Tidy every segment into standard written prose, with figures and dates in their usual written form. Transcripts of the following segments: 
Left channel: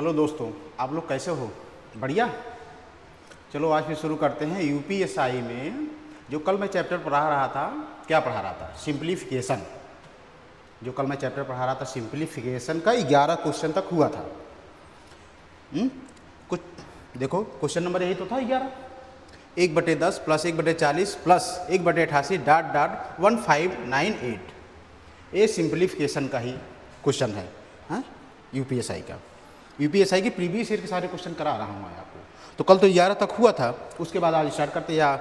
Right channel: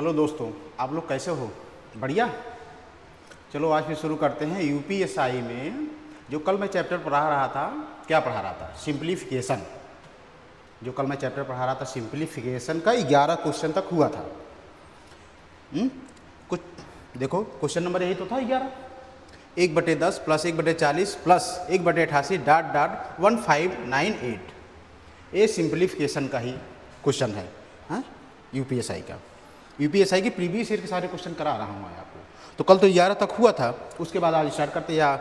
Hello दोस्तों, आप लोग कैसे हो? बढ़िया। चलो आज फिर शुरू करते हैं। यूपीएसआई में जो कल मैं चैप्टर पढ़ा रहा था, क्या पढ़ा रहा था? सिंप्लीफिकेशन। जो कल मैं चैप्टर पढ़ा रहा था सिंप्लीफिकेशन का 11 क्वेश्चन तक हुआ था। कुछ देखो, क्वेश्चन नंबर यही तो था 11। 1/10 प्लस 1/40 प्लस 1/88 डॉट डॉट 1598। ये सिंप्लीफिकेशन का ही क्वेश्चन है यूपीएसआई का। यूपीएसआई की प्रीवियस ईयर के सारे क्वेश्चन करा रहे हैं आपको। तो कल तो 11 तक हुआ था, उसके बाद आज स्टार्ट करते हैं।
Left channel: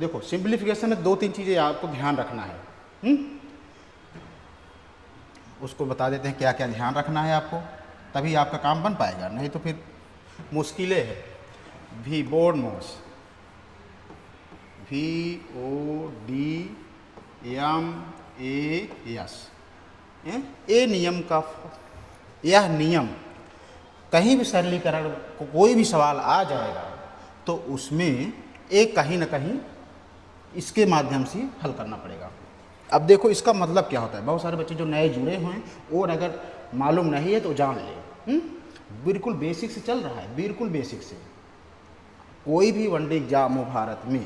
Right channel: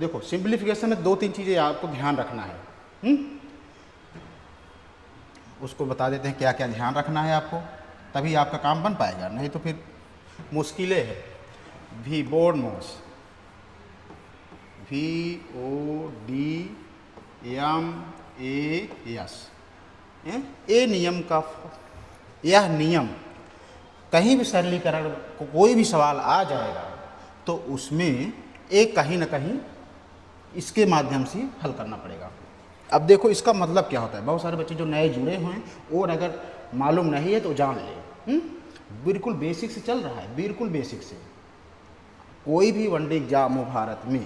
देखो, सिंप्लीफिकेशन में 2-3 चीज़ें आपको ध्यान रखना है। उसको बता देते हैं क्या क्या ध्यान रखना है आपको, तभी आपका काम बन पाएगा, नहीं तो फिर मुश्किलें है। वी बोर्ड मोस VODMAS ए नियम का, यह नियम कहीं भी सरलीकरण को कोई भी सवाल आ जाएगा तो उसमें एक कहीं ना कहीं इसके माध्यम से हल करना पड़ेगा। अब देखो इसका मतलब क्या होता है। बहुत सारे बच्चे जो नए जुड़े हुए हैं और अगर मालूम नहीं है तो जान ले। बिल्कुल बेसिक से चल रहा है, बिल्कुल बेसिक से। कोई भी वनडे एग्जाम हो भारत में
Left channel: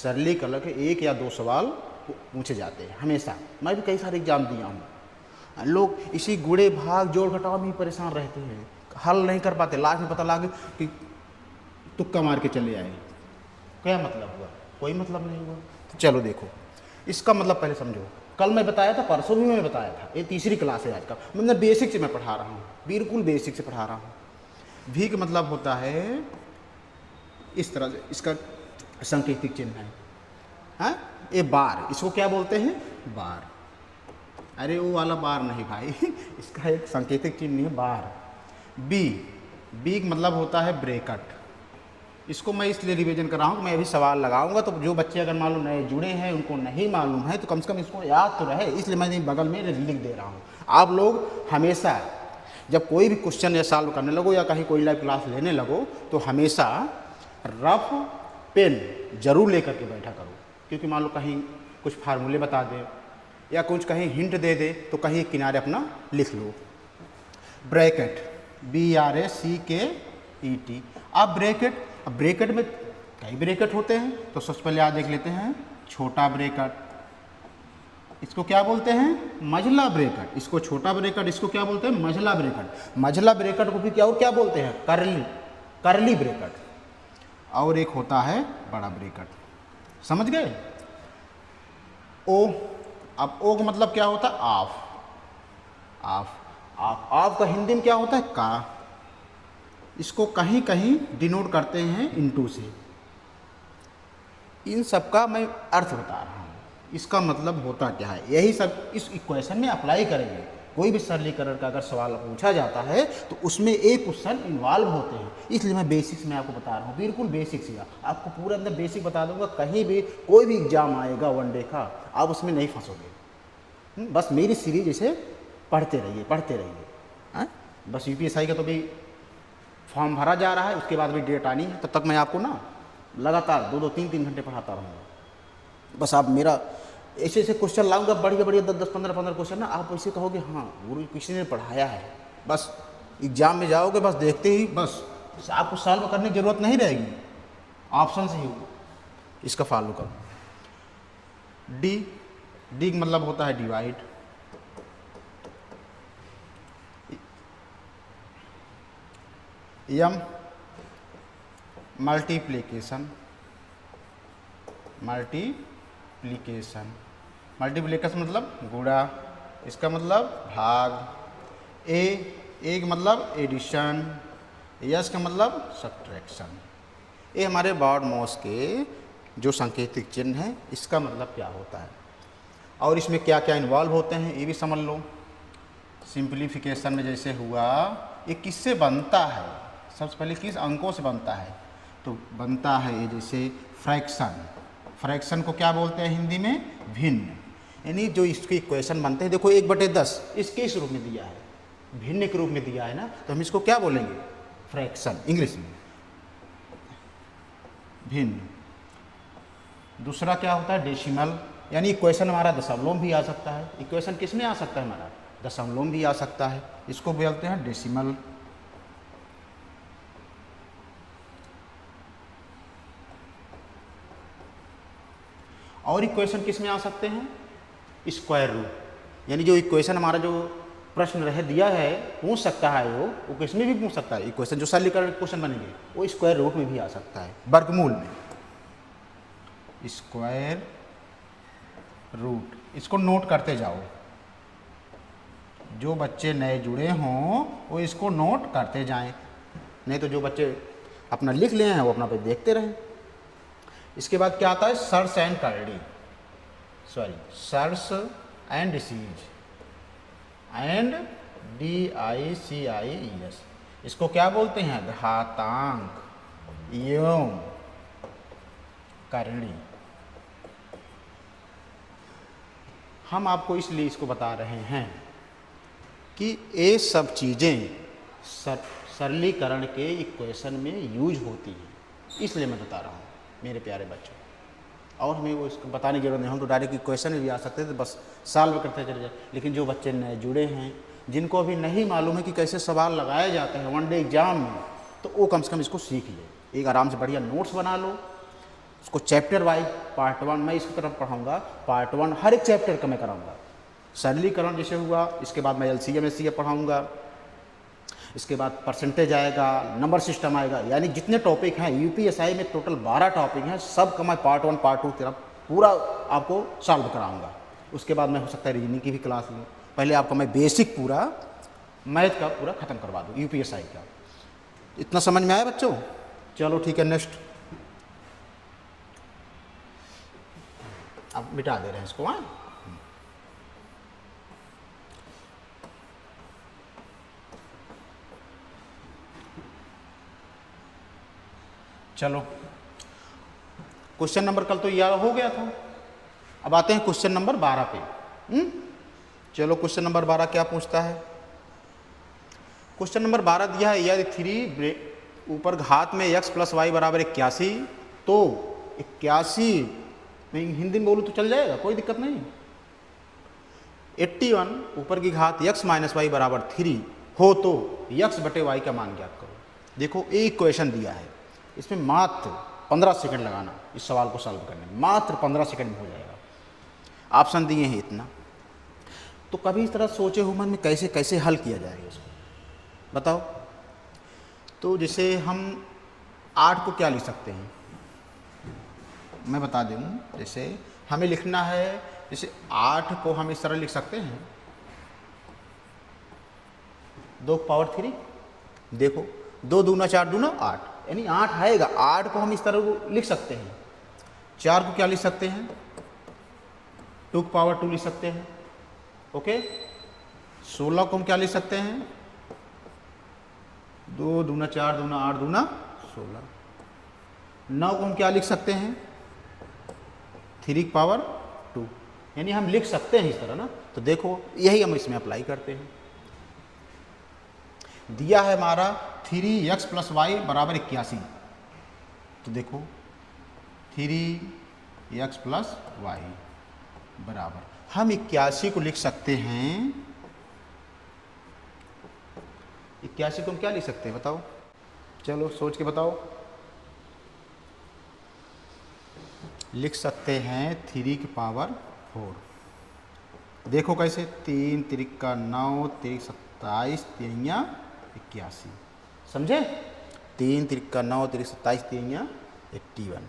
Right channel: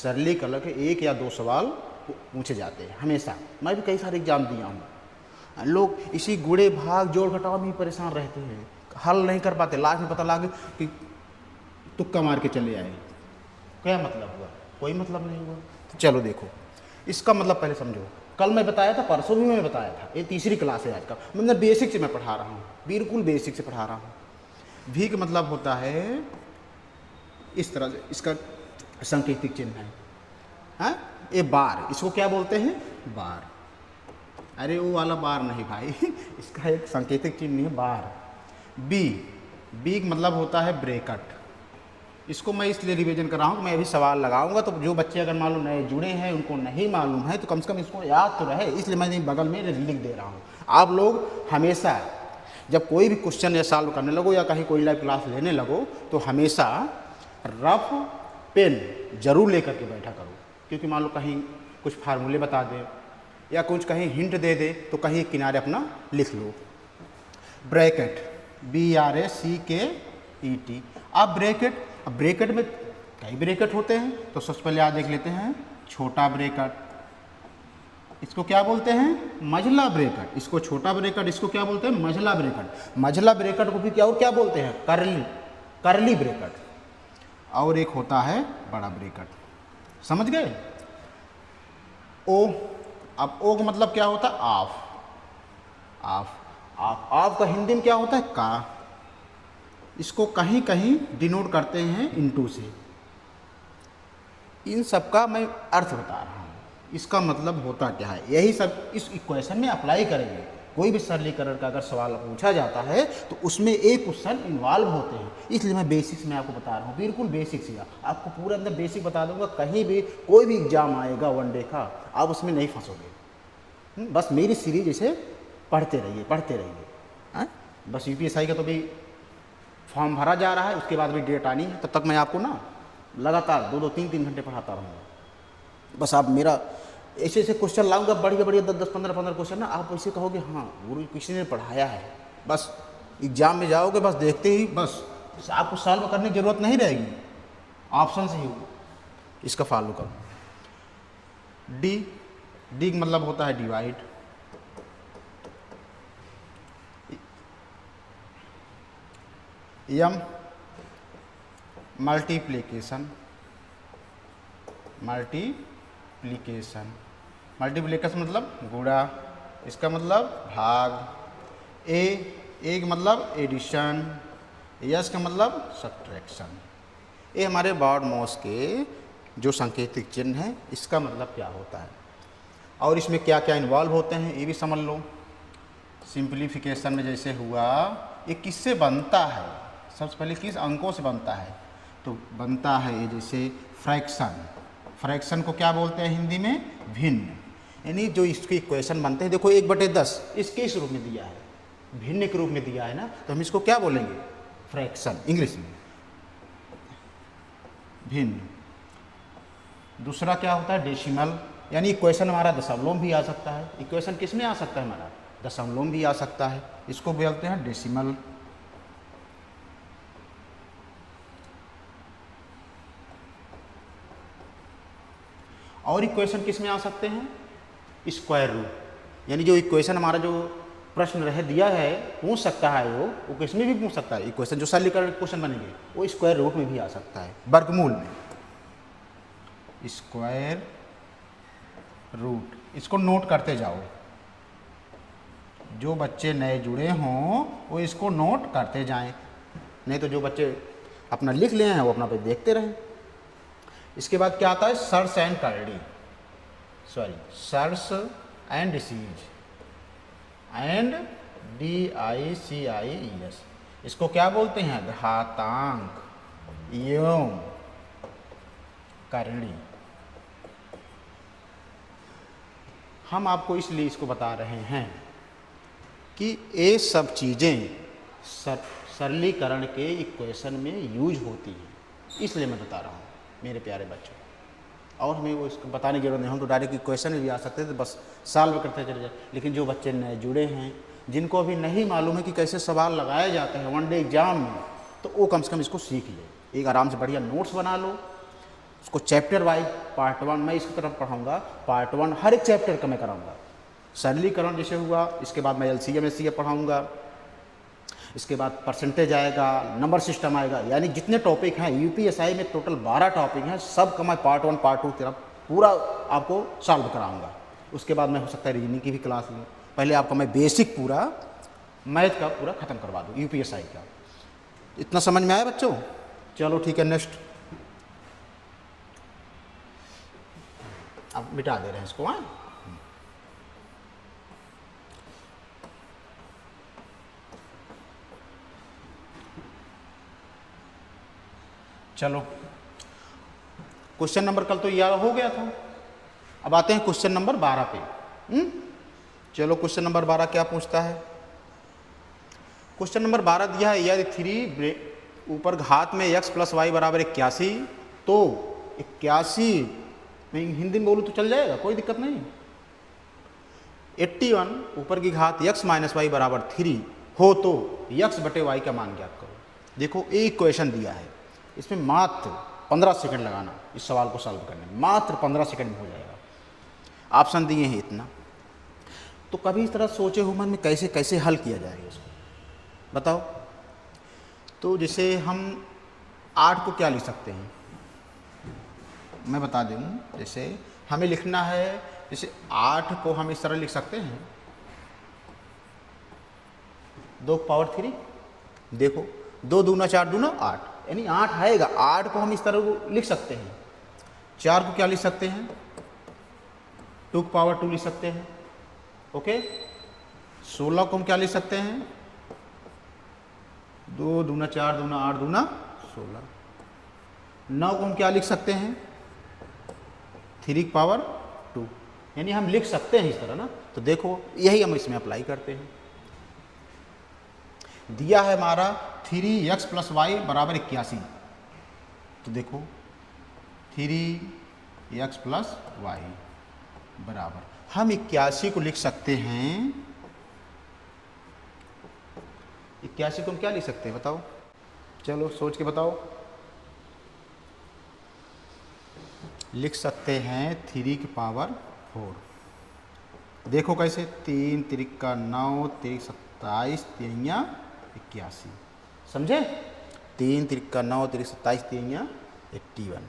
सरलीकरण के 1 या 2 सवाल पूछे जाते हैं हमेशा। मैं भी कई सारे एग्जाम दिया हूँ। लोग इसी गुणे भाग जोड़ घटाव में ही परेशान रहते हैं, हल नहीं कर पाते। लास्ट में पता लगे कि तुक्का मार के चले आए। क्या मतलब हुआ? कोई मतलब नहीं हुआ। तो चलो देखो, इसका मतलब पहले समझो। कल मैं बताया था, परसों भी मैं बताया था। ये तीसरी क्लास है आज का। मतलब बेसिक से मैं पढ़ा रहा हूँ, बिल्कुल बेसिक से पढ़ा रहा हूँ। भी का मतलब होता है इस तरह से, इसका सांकेतिक चिन्ह है। हाँ, ये बार, इसको क्या बोलते हैं? बार। अरे वो वाला बार नहीं भाई इसका एक सांकेतिक चिन्ह है बार। बी, बी का मतलब होता है ब्रैकेट। इसको मैं इसलिए रिवीजन कर रहा हूँ, मैं यही सवाल लगाऊंगा तो जो बच्चे अगर मालूम नहीं जुड़े हैं, उनको नहीं मालूम है, तो कम से कम इसको याद तो रहे, इसलिए मैं बगल में लिख दे रहा हूँ। आप लोग हमेशा जब कोई भी क्वेश्चन या सॉल्व करने लगो या कहीं कोई लाइव क्लास लेने लगो तो हमेशा रफ पेन जरूर लेकर के बैठा करो। क्योंकि मान लो कहीं कुछ फार्मूले बता दे या कुछ कहीं हिंट दे दे तो कहीं किनारे अपना लिख लो। Bracket, BRACKET। अब ब्रैकेट में कई ब्रैकेट होते हैं, तो सबसे पहले आज देख लेते हैं छोटा ब्रैकेट। इसको क्या बोलते हैं? मझला ब्रैकेट। इसको छोटा ब्रैकेट, इसको क्या बोलते हैं? मझला ब्रैकेट। मझला ब्रैकेट को भी क्या बोलते हैं? करली ब्रैकेट। और एक होता है बड़ा ब्रैकेट। समझ गए? ओ, अब ओ का मतलब क्या होता है? ऑफ। ऑफ का हिंदी में क्या होता है? का। इसको कहीं कहीं डिनोट करते हैं इनटू से। इन सब का मैं अर्थ बता रहा हूँ, इसका मतलब होता क्या है, यही सब इस इक्वेशन में अप्लाई करेंगे। कोई भी सरलीकरण का अगर सवाल पूछा जाता है तो उसमें एक क्वेश्चन इन्वॉल्व होते हैं, इसलिए मैं बेसिक्स में आपको बता रहा हूँ, बिल्कुल बेसिक से। आपको पूरे अंदर बेसिक बता दूंगा। कहीं भी कोई भी एग्जाम आएगा वनडे का, आप उसमें नहीं फंसोगे। बस मेरी सीरीज इसे पढ़ते रहिए। बस यूपीएसआई का तो भाई फॉर्म भरा जा रहा है, उसके बाद भी डेट आनी है। तब तक मैं आपको ना लगातार 2-3 घंटे पढ़ाता रहूँगा। बस आप मेरा ऐसे क्वेश्चन लाऊंगा, बढ़िया 10-15 क्वेश्चन है। आप ऐसे कहोगे हाँ गुरु किसी ने पढ़ाया है। बस एग्जाम में जाओगे, बस देखते ही बस आपको सॉल्व करने की जरूरत नहीं रहेगी, ऑप्शन से ही इसका फॉलो करो। डी का मतलब होता है डिवाइड। यम मल्टीप्लिकेशन। मल्टीप्लिकेशन मतलब गुणा, इसका मतलब भाग। ए का मतलब एडिशन, यस का मतलब सब्ट्रैक्शन। ये हमारे बॉड मॉस के जो सांकेतिक चिन्ह है, इसका मतलब क्या होता है और इसमें क्या क्या इन्वॉल्व होते हैं ये भी समझ लो। सिंप्लीफिकेशन में जैसे हुआ, ये किससे बनता है? सबसे पहले किस अंकों से बनता है? तो बनता है जैसे फ्रैक्शन को क्या बोलते हैं हिंदी में? भिन्न। यानी जो इसके इक्वेशन बनते हैं, देखो 1/10 इसके इस रूप में दिया है, भिन्न के रूप में दिया है ना, तो हम इसको क्या बोलेंगे? फ्रैक्शन इंग्लिश में, भिन्न। दूसरा क्या होता है? डेसिमल। यानी इक्वेशन हमारा दशमलव भी आ सकता है। इक्वेशन किस में आ सकता है हमारा? दशमलव भी आ सकता है, इसको बोलते हैं डेसिमल। और इक्वेशन किस में आ सकते हैं, स्क्वायर रूट। यानी जो इक्वेशन हमारा जो प्रश्न रह दिया है पूछ सकता है वो किस में भी पूछ सकता है। इक्वेशन जो सरलीकरण क्वेश्चन बनेंगे वो स्क्वायर रूट में भी आ सकता है, वर्गमूल में, स्क्वायर रूट। इसको नोट करते जाओ, जो बच्चे नए जुड़े हों वो इसको नोट करते जाएं, नहीं तो जो बच्चे अपना लिख लिए हैं वो अपना पे देखते रहें। इसके बाद क्या आता है, सर्च एंड करडी, sorry search and receive and DICIES, इसको क्या बोलते हैं, घातांक एवं करणी। हम आपको इसलिए इसको बता रहे हैं कि ये सब चीजें सब सरलीकरण के इक्वेशन में यूज होती हैं, इसलिए मैं बता रहा हूँ मेरे प्यारे बच्चों। और हमें वो इसको बताने की जरूरत नहीं, हम तो डायरेक्ट इक्वेशन भी आ सकते थे, बस सॉल्व करते चले जाए। लेकिन जो बच्चे नए जुड़े हैं, जिनको अभी नहीं मालूम है कि कैसे सवाल लगाए जाते हैं वन डे एग्जाम में, तो वो कम से कम इसको सीख लो, एक आराम से बढ़िया नोट्स बना लो, उसको चैप्टर वाइज पार्ट 1 मैं इसकी तरफ पढ़ाऊँगा, पार्ट 1 हर एक चैप्टर का मैं कराऊँगा। सरलीकरण जैसे हुआ, इसके बाद मैं LCM SCF पढ़ाऊँगा, इसके बाद परसेंटेज आएगा, नंबर सिस्टम आएगा, यानी जितने टॉपिक हैं UPSI में टोटल 12 टॉपिक हैं, सब का मैं पार्ट 1 पार्ट 2 तरफ पूरा आपको सॉल्व कराऊंगा। उसके बाद मैं हो सकता है रीजनिंग की भी क्लास लूँ, पहले आपका मैं बेसिक पूरा मैथ का पूरा खत्म करवा दूँ UPSI का। इतना समझ में आया बच्चों? चलो ठीक है, नेक्स्ट अब मिटा दे रहे हैं इसको। हाँ, चलो क्वेश्चन नंबर कल तो यह हो गया था, अब आते हैं क्वेश्चन नंबर 12 पे। चलो क्वेश्चन नंबर 12 क्या पूछता है। क्वेश्चन नंबर 12 दिया है, यदि 3 ऊपर घात में x + y = 81, तो 81 मैं हिंदी में बोलूँ तो चल जाएगा, कोई दिक्कत नहीं। 81 ऊपर की घात x - y = 3 हो तो x/y का मान ज्ञात करो। देखो एक क्वेश्चन दिया है, इसमें मात्र 15 सेकंड लगाना, इस सवाल को सॉल्व करने में मात्र 15 सेकंड में हो जाएगा। ऑप्शन दिए हैं इतना, तो कभी इस तरह सोचे हो मन में कैसे कैसे हल किया जाएगा इसको, बताओ। तो जैसे हम 8 को क्या लिख सकते हैं, मैं बता दूँ। जैसे हमें लिखना है, जैसे 8 को हम इस तरह लिख सकते हैं 2⁻3, देखो 2 दूना 4 दूना 8, यानी 8 आएगा। 8 को हम इस तरह लिख सकते हैं। 4 को क्या लिख सकते हैं, 2⁻2 लिख सकते हैं, ओके। 16 को हम क्या लिख सकते हैं, 2 दूना 4 दूना 8 दूना 16। 9 को हम क्या लिख सकते हैं, 3⁻2, यानी हम लिख सकते हैं इस तरह ना। तो देखो यही हम इसमें अप्लाई करते हैं। दिया है हमारा 3x + y = 81, तो देखो 3x + y बराबर, हम 81 को लिख सकते हैं। 81 को हम क्या लिख सकते हैं बताओ, चलो सोच के बताओ। लिख सकते हैं 3⁴। देखो कैसे, 3 × 3 = 9, 3 × 27, 3 × 81, समझे। 3 × 3 = 9, 3 × 27, 3 × 81,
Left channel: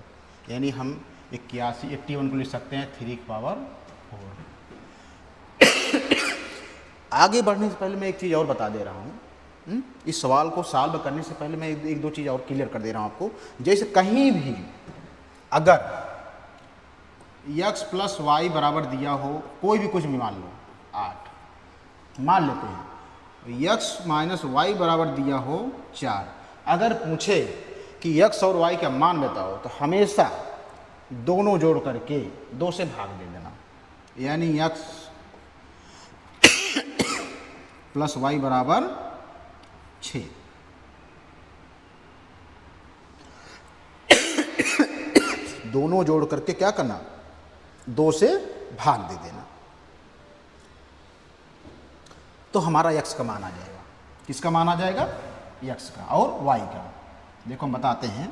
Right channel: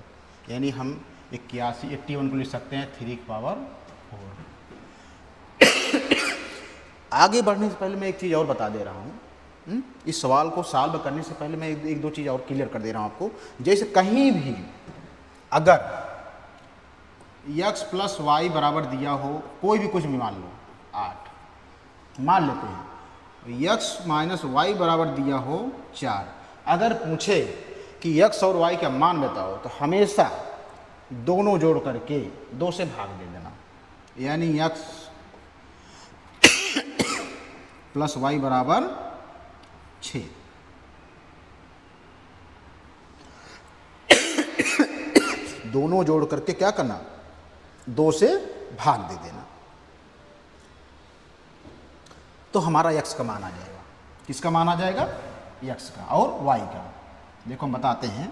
यानी हम 81 को लिख सकते हैं 3⁴। आगे बढ़ने से पहले मैं एक चीज़ और बता दे रहा हूँ। इस सवाल को सॉल्व करने से पहले मैं एक दो चीज़ और क्लियर कर दे रहा हूँ आपको। जैसे कहीं भी अगर x + y बराबर दिया हो, कोई भी कुछ भी मान लो, 8 मान लेते हैं, x - y बराबर दिया हो 4, अगर पूछे कि x और y का मान बताओ, तो हमेशा दोनों जोड़ करके 2 से भाग दे देना, यानी x + y = 6। दोनों जोड़ करके क्या करना, 2 से भाग दे देना, तो हमारा x का मान आ जाएगा। किसका मान आ जाएगा, x का और y का। देखो हम बताते हैं।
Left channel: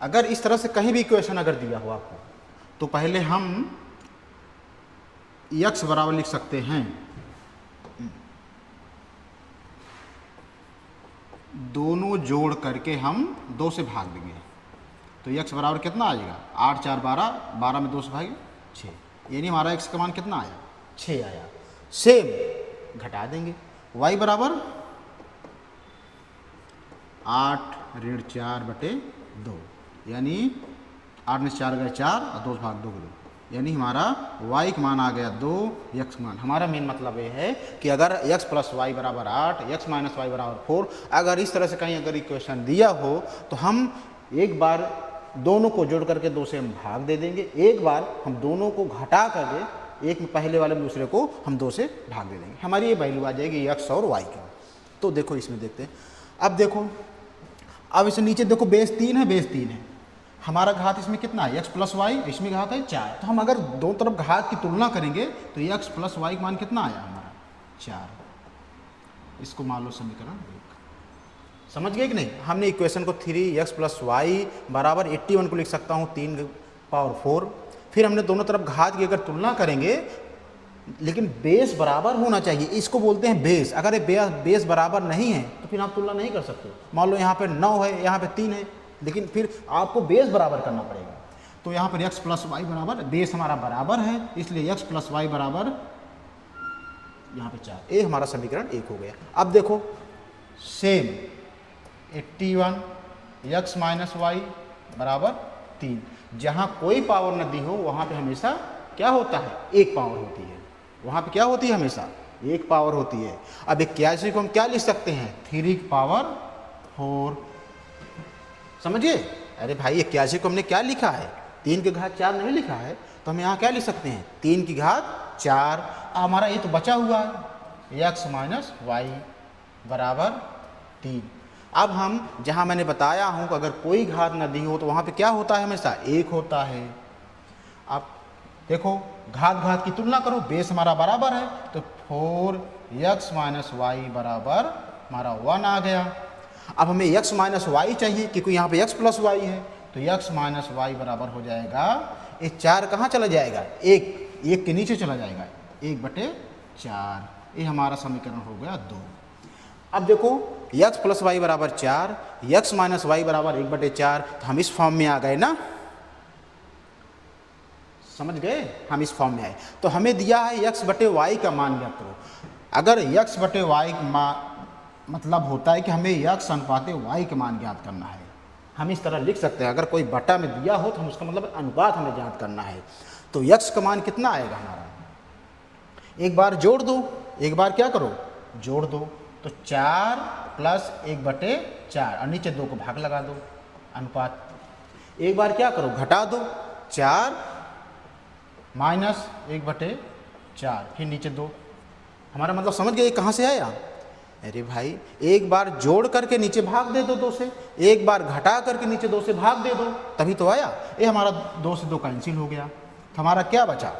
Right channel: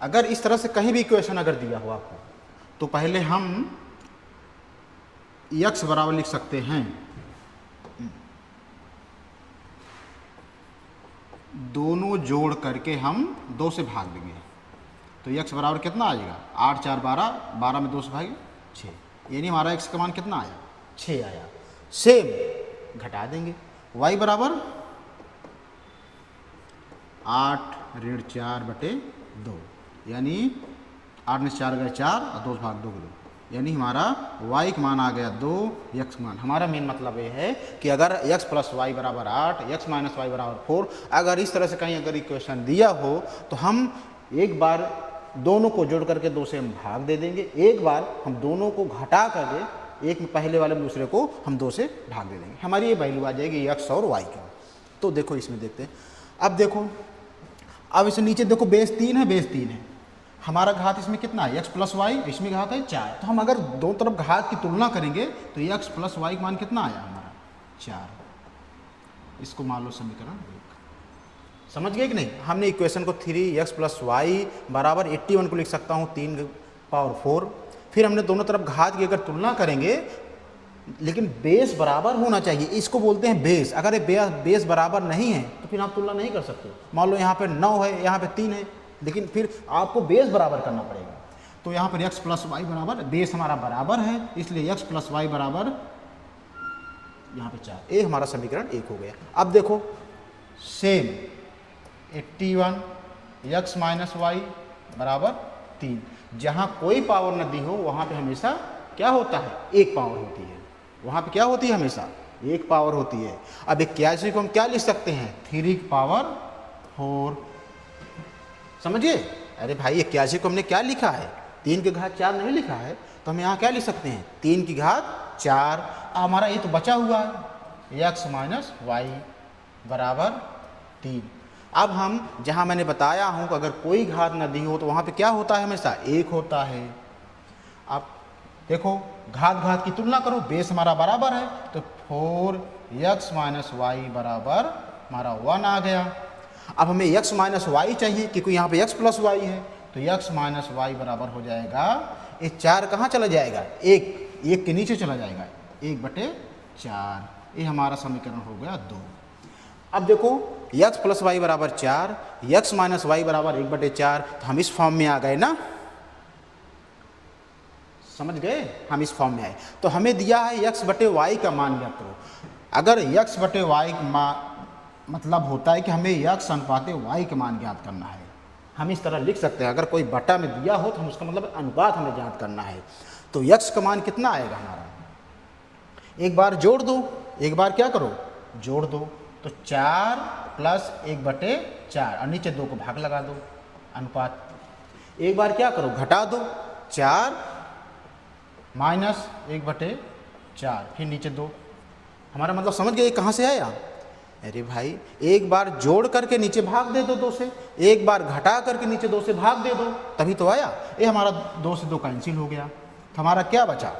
अगर इस तरह से कहीं भी इक्वेशन अगर दिया हो आपको, तो पहले हम x बराबर लिख सकते हैं दोनों जोड़ करके हम 2 से भाग देंगे। तो x बराबर कितना आ जाएगा, 8 4 12, 12 में 2 से भागे 6, यानी हमारा x का मान कितना आया, 6 आया। सेम घटा देंगे, y बराबर 8 ऋण 4/2, यानी 8 में 4 गए 4 और 2 भाग 2 2, यानी हमारा y का मान आ गया 2, x का मान। हमारा मेन मतलब ये है कि अगर x प्लस वाई बराबर 8, x माइनस वाई बराबर 4, अगर इस तरह से कहीं अगर इक्वेशन दिया हो तो हम एक बार दोनों को जोड़ करके 2 से हम भाग दे देंगे, एक बार हम दोनों को घटा करके एक पहले वाले दूसरे को हम 2 से भाग दे देंगे। हमारी ये वैल्यू आ जाएगी x और y की। तो देखो इसमें देखते हैं, अब देखो, अब इसे नीचे देखो, बेस 3 है, बेस 3 है, हमारा घात इसमें कितना है, x प्लस वाई, इसमें घात है 4। तो हम अगर दोनों तरफ घात की तुलना करेंगे तो x प्लस वाई का मान कितना आया हमारा, 4। इसको मान लो समीकरण 1। समझ गए कि नहीं? हमने इक्वेशन को 3x प्लस वाई बराबर 81 को लिख सकता हूँ 3⁴। फिर हमने दोनों तरफ घात की अगर तुलना करेंगे, लेकिन बेस बराबर होना चाहिए, इसको बोलते हैं बेस। अगर ये बेस बराबर नहीं है तो फिर आप तुलना नहीं कर सकते। मान लो यहाँ पे 9 है, यहाँ पे 3 है, लेकिन फिर आपको बेस बराबर करना पड़ेगा। तो यहाँ पर x प्लस वाई बराबर, बेस हमारा बराबर है, इसलिए x प्लस वाई बराबर यहाँ पे 4। ये हमारा समीकरण 1 हो गया। अब देखो सेम 81 x माइनस वाई बराबर 3, जहाँ कोई पावर न दी हो वहाँ पे हमेशा क्या होता है, एक पावर होती है। वहाँ पे क्या होती है, हमेशा एक पावर होती है। अब 81 को हम क्या लिख सकते हैं, 3 की पावर 4। समझिए? अरे भाई 81 को हमने क्या लिखा है, 3 की घात 4 नहीं लिखा है, तो हम यहाँ क्या लिख सकते हैं, 3 की घात 4। हमारा ये तो बचा हुआ है x माइनस वाई बराबर 3। अब हम जहाँ मैंने बताया हूँ कि अगर कोई घात न दी हो तो वहाँ पे क्या होता है, हमेशा एक होता है। अब देखो घात की तुलना करो, बेस हमारा बराबर है, तो 4x माइनस वाई बराबर हमारा 1 आ गया। अब हमें x माइनस वाई चाहिए क्योंकि यहाँ पे x प्लस वाई है, तो x माइनस वाई बराबर हो जाएगा, ये 4 कहाँ चला जाएगा, एक के नीचे चला जाएगा, 1/4। ये हमारा समीकरण हो गया 2। अब देखो x प्लस वाई बराबर 4, x माइनस वाई बराबर 1/4, तो हम इस फॉर्म में आ गए ना, समझ गए, हम इस फॉर्म में आए। तो हमें दिया है x/y का मान ज्ञात करो। अगर x/y का मान मतलब होता है कि हमें x अनुपात y का मान ज्ञात करना है, हम इस तरह लिख सकते हैं। अगर कोई बटा में दिया हो तो हम उसका मतलब अनुपात हमें ज्ञात करना है। तो x का मान कितना आएगा हमारा, एक बार जोड़ दो, एक बार क्या करो, जोड़ दो, तो 4 प्लस 1/4 और नीचे 2 को भाग लगा दो, अनुपात। एक बार क्या करो, घटा दो, 4 माइनस 1/4, फिर नीचे 2। हमारा मतलब समझ गए कहाँ से आया? अरे भाई एक बार जोड़ करके नीचे भाग दे दो 2 से, एक बार घटा करके नीचे 2 से भाग दे दो, तभी तो आया। ये हमारा 2 से 2 कैंसिल हो गया, तो हमारा क्या बचा,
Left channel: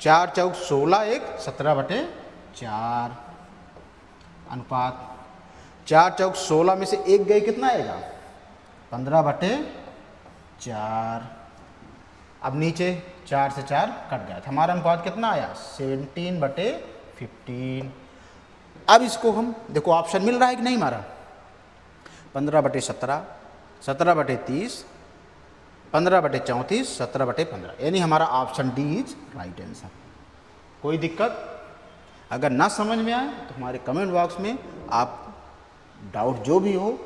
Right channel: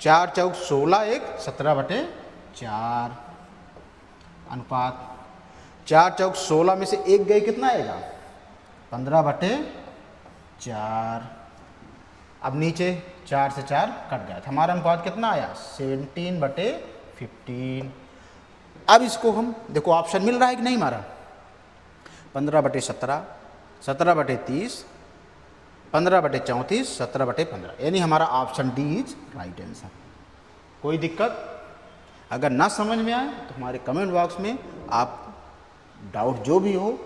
4 चौक 16, 1 17/4 अनुपात। 4 चौक 16 में से 1 गए, कितना आएगा, 15/4। अब नीचे 4 से 4 कट गया, तो हमारा अनुपात कितना आया, 17/15। अब इसको हम देखो ऑप्शन मिल रहा है कि नहीं हमारा, 15/17, 17/30, 15/34, 17/15, यानी हमारा option D is right answer. कोई दिक्कत? अगर ना समझ में आए तो हमारे कमेंट बॉक्स में आप डाउट जो भी हो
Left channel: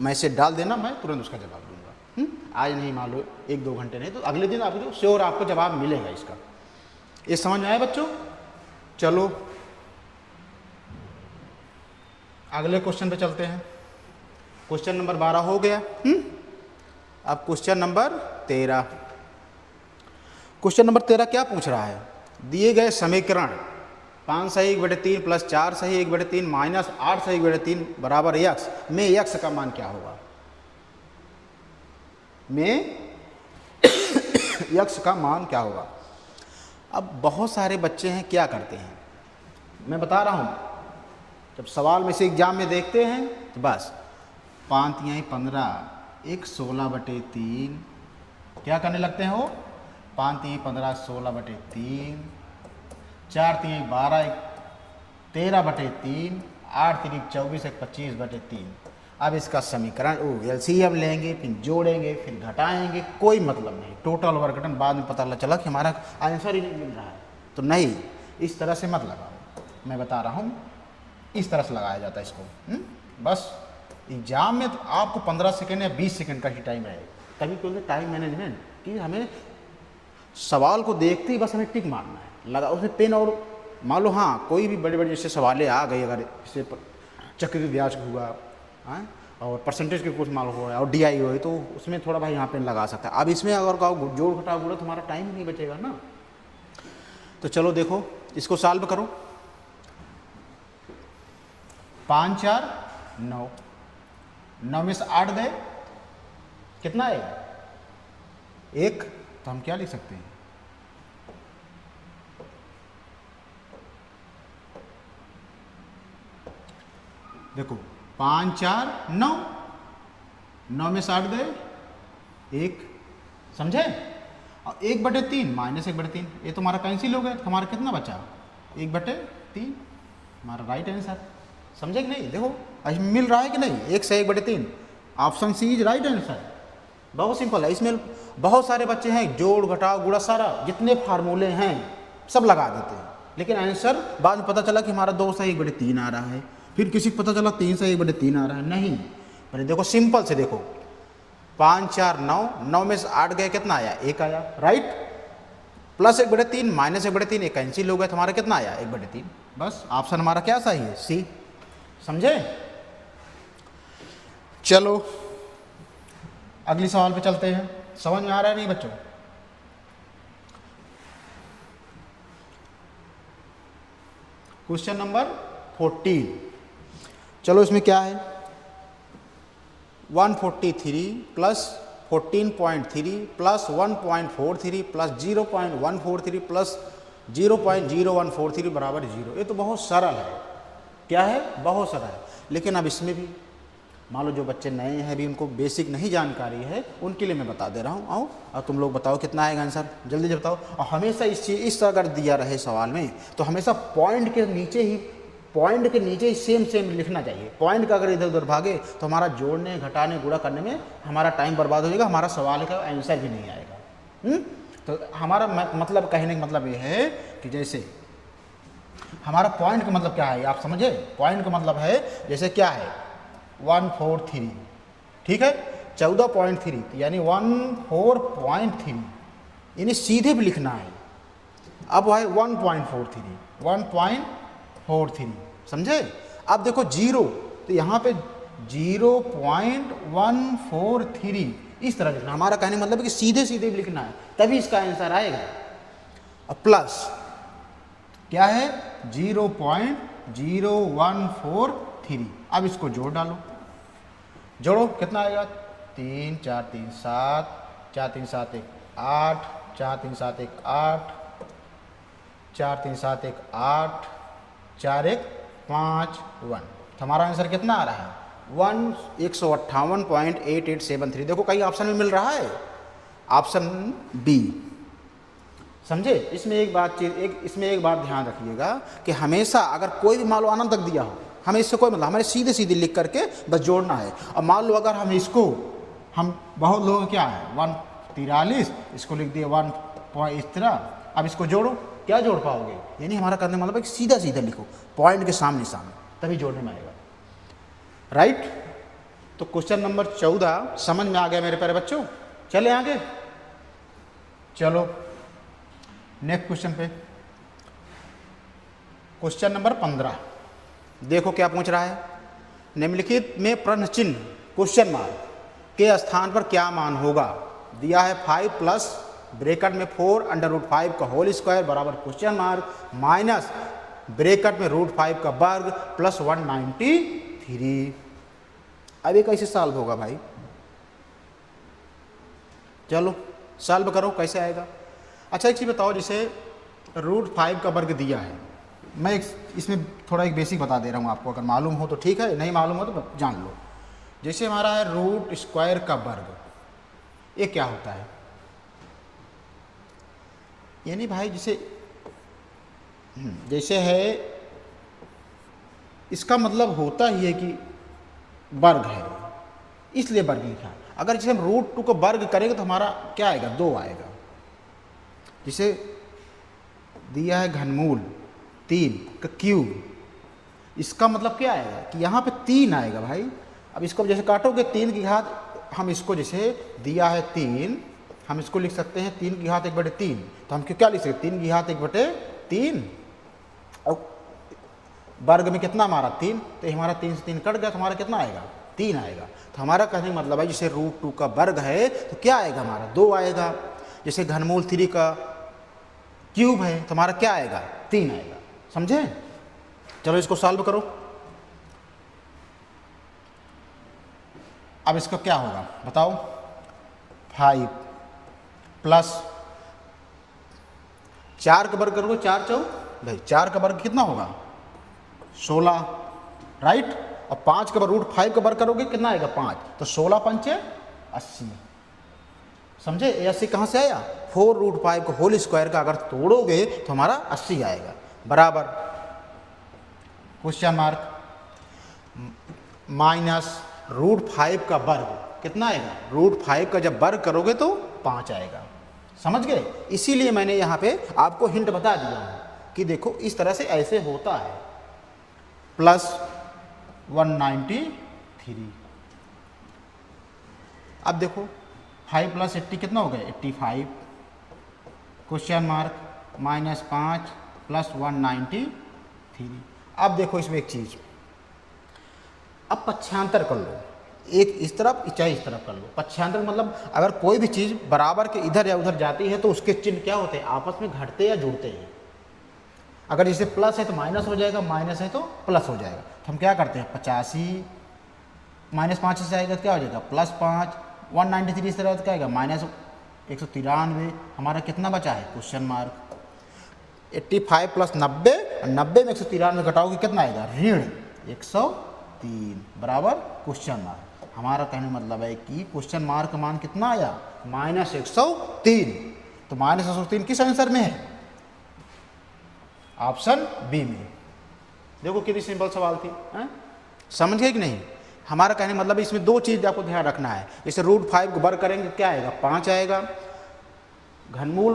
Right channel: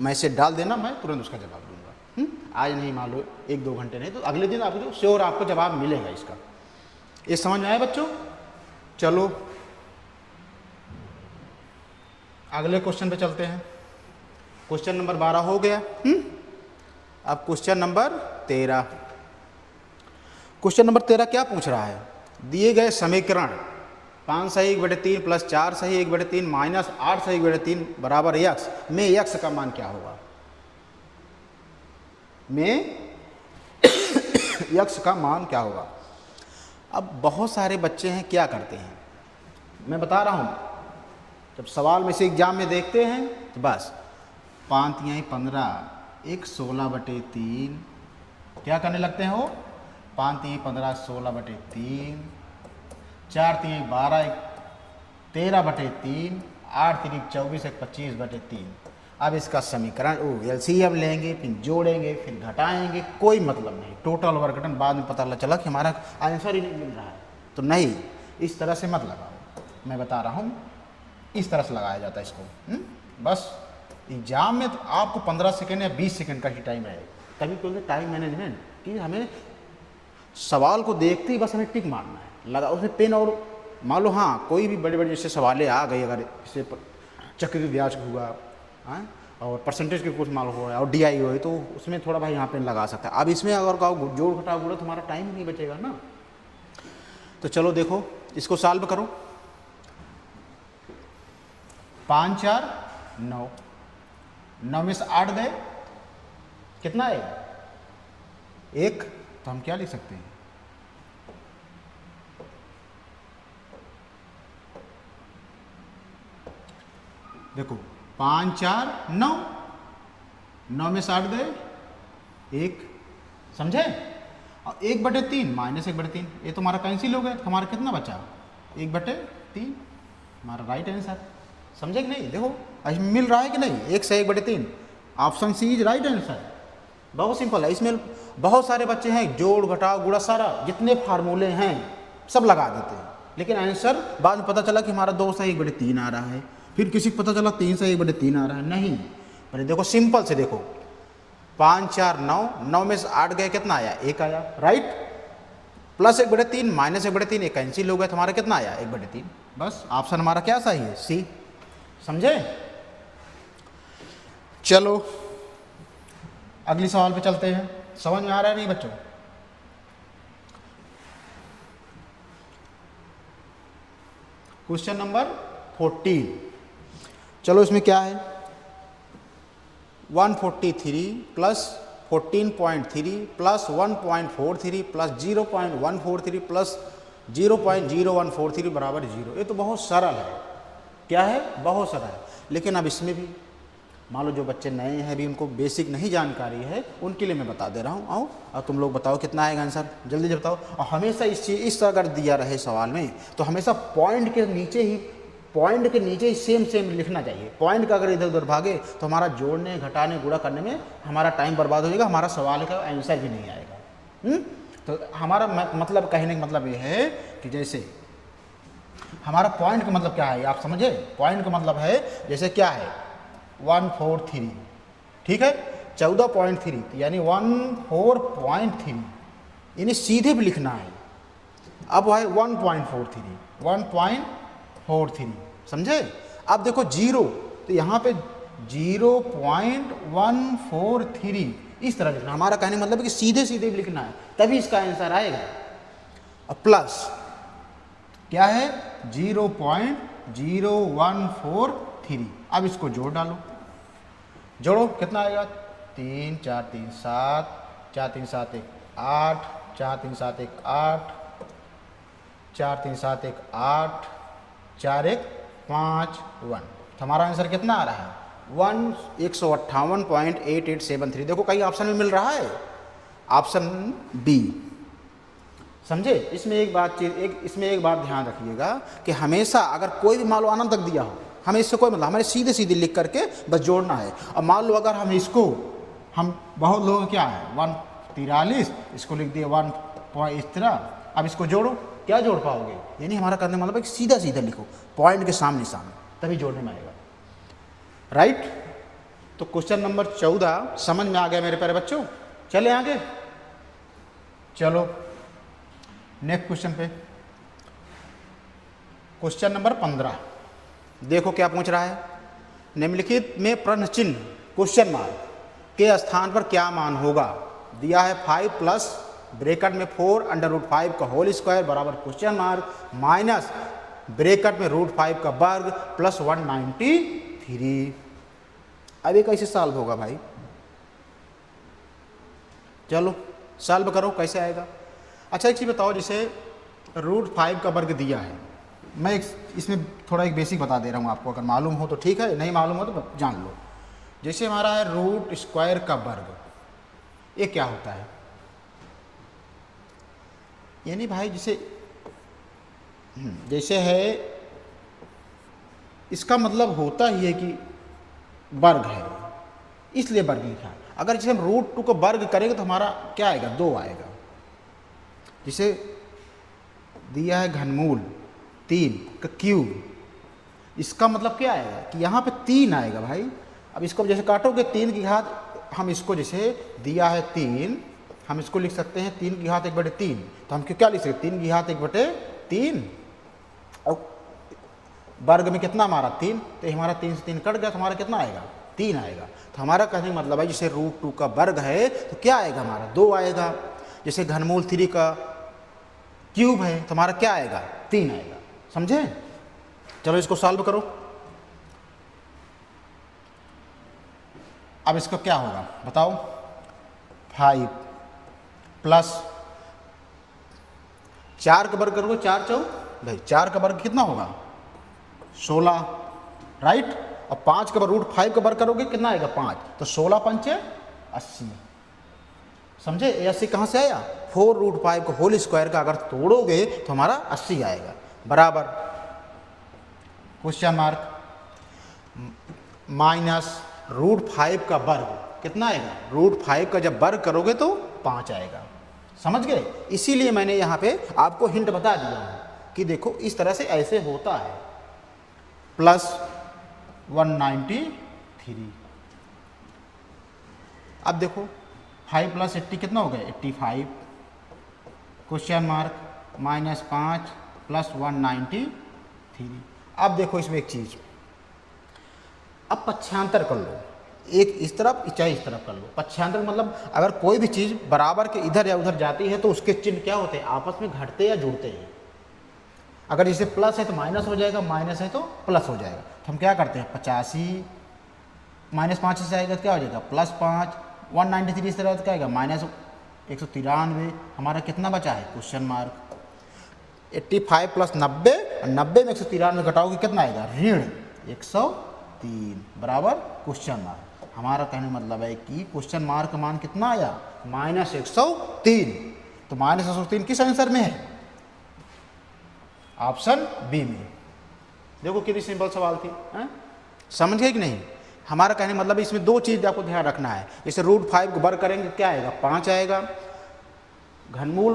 मैसेज डाल देना, मैं तुरंत उसका जवाब दूंगा। आज नहीं, मान लो 1-2 घंटे नहीं तो अगले दिन आपको श्योर आपको जवाब मिलेगा इसका। ये समझ में आया बच्चों? चलो अगले क्वेश्चन पे चलते हैं। क्वेश्चन नंबर 12 हो गया। अब क्वेश्चन नंबर 13। क्वेश्चन नंबर 13 क्या पूछ रहा है, दिए गए समीकरण 5 सही 1/3 प्लस 4 सही 1/3 माइनस 8 सही 1/3 बराबर x में x का मान क्या होगा, में x का मान क्या होगा। अब बहुत सारे बच्चे हैं क्या करते हैं, मैं बता रहा हूँ, जब सवाल में से एग्जाम में देखते हैं तो बस 5 तिहाई 15 एक 16/3 क्या करने लगते हैं वो 5 3 15 16/3 4 3 12 एक 13/3 8 3 24 एक 25/3। अब इसका समीकरण एलसीएम लेंगे फिर जोड़ेंगे फिर घटाएंगे, कोई मतलब नहीं। टोटल वर्क डन बाद में पता चला कि हमारा आंसर ही नहीं मिल रहा है, तो नहीं, इस तरह से मत लगाओ। मैं बता रहा हूँ इस तरह से लगाया जाता है इसको। बस एग्जाम में तो आपको 15 सेकेंड या 20 सेकेंड का ही टाइम है। तभी तो टाइम मैनेजमेंट कि हमें सवाल को देखते ही बस हमें टिक मारना है, लगा उसे पेन। और मान लो हाँ कोई भी बड़े बड़े जैसे सवाल आ गए, अगर इससे चक्रवृद्धि ब्याज हुआ और परसेंटेज के कुछ माल हुआ और डीआई हुआ, तो उसमें थोड़ा भाई यहाँ पेन लगा सकता है। अब इसमें अगर कहो जोड़ घटाओ गुणा, तुम्हारा टाइम नहीं बचेगा ना। तो चलो देखो इसको सॉल्व करो। 5 4 9, 9 में से 8 गए, कितना है 1, तो हम क्या लिख सकते हैं देखो 5 4 9, 9 में से 8 गए 1, समझे। और 1/3 माइनस 1/3, ये तो हमारा कैंसिल हो गया, तो हमारा कितना बचा 1/3, हमारा राइट आंसर। समझे कि नहीं। देखो मिल रहा है कि नहीं, 1 से 1/3, option C is right answer. बहुत सिंपल है। इसमें बहुत सारे बच्चे हैं जोड़ घटाव गुणा सारा जितने फार्मूले हैं सब लगा देते हैं, लेकिन आंसर बाद में पता चला कि हमारा 2 से 1/3 आ रहा है, फिर किसी को पता चला 3 से 1/3 आ रहा है। नहीं, पर देखो सिंपल से देखो 5 4 9, 9 में से 8 गए, कितना आया 1 आया, राइट। प्लस 1/3 माइनस 1/3 एक कैंसिल हो गया, तुम्हारा कितना आया 1/3। बस ऑप्शन हमारा क्या सही है, सी। समझे। चलो अगली सवाल पे चलते हैं। समझ में आ रहा है नहीं बच्चों। Question number 14। चलो इसमें क्या है 143 प्लस 14.3 प्लस 1.43 प्लस 0.143 प्लस 0.0143 बराबर 0। ये तो बहुत सरल है। क्या है, बहुत सरल है। लेकिन अब इसमें भी मान लो जो बच्चे नए हैं, भी उनको बेसिक नहीं जानकारी है, उनके लिए मैं बता दे रहा हूँ। आओ और तुम लोग बताओ कितना आएगा आंसर, जल्दी बताओ। और हमेशा इस अगर दिया रहे सवाल में तो हमेशा पॉइंट के नीचे ही सेम लिखना चाहिए। पॉइंट का अगर इधर उधर भागे तो हमारा जोड़ने घटाने गुणा करने में हमारा टाइम बर्बाद हो जाएगा, हमारा सवाल का आंसर भी नहीं आएगा। तो हमारा मतलब कहने का मतलब ये है कि जैसे हमारा पॉइंट का मतलब क्या है आप समझे। पॉइंट का मतलब है जैसे क्या है 143, ठीक है 14.3 यानी 14.3, यानी सीधे भी लिखना है। अब है 1.43 समझे। अब देखो 0, तो यहाँ पे 0.143 इस तरह लिखना। हमारा कहने मतलब कि सीधे सीधे भी लिखना है, तभी इसका आंसर आएगा। अब प्लस क्या है 0.0143। अब इसको जोड़ डालो, जोड़ो कितना आएगा 3 4 3 7, 4 3 7 1 8, 4 3 7 1 8, 4 3 7 1 8, 4 1 5 1। हमारा आंसर कितना आ रहा है 158.8873। देखो कई ऑप्शन में मिल रहा है, ऑप्शन बी। समझे। इसमें एक बात ध्यान रखिएगा कि हमेशा अगर कोई भी मान लो अनंत तक दिया हो, हमें इससे कोई मतलब, हमें सीधे सीधे लिख करके बस जोड़ना है। और मान लो अगर हम इसको बहुत लोगों क्या है 143, इसको लिख दिए 1 इस तरह। अब इसको जोड़ो, क्या जोड़ पाओगे, यानी हमारा करने मतलब है कि सीधा सीधा लिखो पॉइंट के सामने तभी जोड़ने में आएगा, राइट। तो क्वेश्चन नंबर 14 समझ में आ गया मेरे प्यारे बच्चों। चले आगे, चलो नेक्स्ट क्वेश्चन पे। क्वेश्चन नंबर 15 देखो क्या पूछ रहा है। निम्नलिखित में प्रश्न चिन्ह क्वेश्चन मार्क के स्थान पर क्या मान होगा। दिया है 5 प्लस ब्रैकेट में 4 √5 का होल स्क्वायर बराबर क्वेश्चन मार्क माइनस ब्रैकेट में √5 का वर्ग प्लस 193। अब ये कैसे सॉल्व होगा भाई, चलो सॉल्व करो कैसे आएगा। अच्छा एक चीज बताओ, जैसे √5 का वर्ग दिया है, मैं इसमें थोड़ा एक बेसिक बता दे रहा हूँ आपको, अगर मालूम हो तो ठीक है, नहीं मालूम हो तो जान लो। जैसे हमारा है रूट स्क्वायर का वर्ग, ये क्या होता है? यानी भाई जैसे है, इसका मतलब होता ही है कि वर्ग है, इसलिए वर्ग लिखा। अगर जैसे हम रूट 2 का वर्ग करेंगे तो हमारा क्या आएगा? 2 आएगा। जिसे दिया है घनमूल 3 का क्यूब, इसका मतलब क्या आएगा कि यहाँ पे 3 आएगा भाई। अब इसको जैसे काटोगे 3 की घात, हम इसको जैसे दिया है 3, हम इसको लिख सकते हैं 3 की घात 1/3। तो हम क्या लिख सकते हैं? 3 की घात 1/3, और वर्ग में कितना हमारा 3, तो हमारा 3 से 3 कट गया, तो हमारा कितना आएगा? 3 आएगा। तो हमारा कहने का मतलब है जैसे रूट 2 का वर्ग है तो क्या आएगा? हमारा 2 आएगा। जैसे घनमूल 3 का क्यूब है तो हमारा क्या आएगा? 3 आएगा। समझे? चलो इसको सॉल्व करो। अब इसको क्या होगा बताओ? 5 प्लस 4 का वर्ग करोगे, 4 का वर्ग कितना होगा? 16, राइट। और 5 का रूट 5 का वर्ग करोगे कितना आएगा? 5। तो 16 पंचे 80। समझे? ये 80 कहाँ से आया? 4 रूट 5 को होल स्क्वायर का अगर तोड़ोगे तो हमारा 80 आएगा, बराबर क्वेश्चन मार्क माइनस रूट 5 का वर्ग कितना आएगा? रूट 5 का जब वर्ग करोगे तो 5 आएगा। समझ गए? इसीलिए मैंने यहाँ पे आपको हिंट बता दिया है कि देखो इस तरह से ऐसे होता है। प्लस 193। अब देखो 5 प्लस 80 कितना हो गया? 85। Question mark minus 5 plus 193। अब देखो इसमें एक चीज, अब पक्षांतर कर लो, एक इस तरफ चाहे इस तरफ कर लो। पक्षांतर मतलब अगर कोई भी चीज बराबर के इधर या उधर जाती है तो उसके चिन्ह क्या होते हैं? आपस में घटते या जुड़ते हैं। अगर जैसे प्लस है तो माइनस हो जाएगा, माइनस है तो प्लस हो जाएगा। तो हम क्या करते हैं? 85 माइनस 5 से आएगा क्या हो जाएगा? प्लस 5। 193 इस तरह क्या आएगा? माइनस 193। हमारा कितना बचा है? क्वेश्चन मार्क 85 प्लस 90, और 90 में 193 घटाओगे कितना आएगा? ऋण 103, बराबर क्वेश्चन मार्क। हमारा कहने मतलब है कि क्वेश्चन मार्क का मान कितना आया? माइनस 103। तो माइनस 103 किस आंसर में है? ऑप्शन बी में। देखो कितनी सिंपल सवाल थी, समझ गए कि नहीं? हमारा कहने मतलब इसमें दो चीज आपको ध्यान रखना है। जैसे रूट 5 को वर्ग करेंगे क्या आएगा? 5 आएगा। घनमूल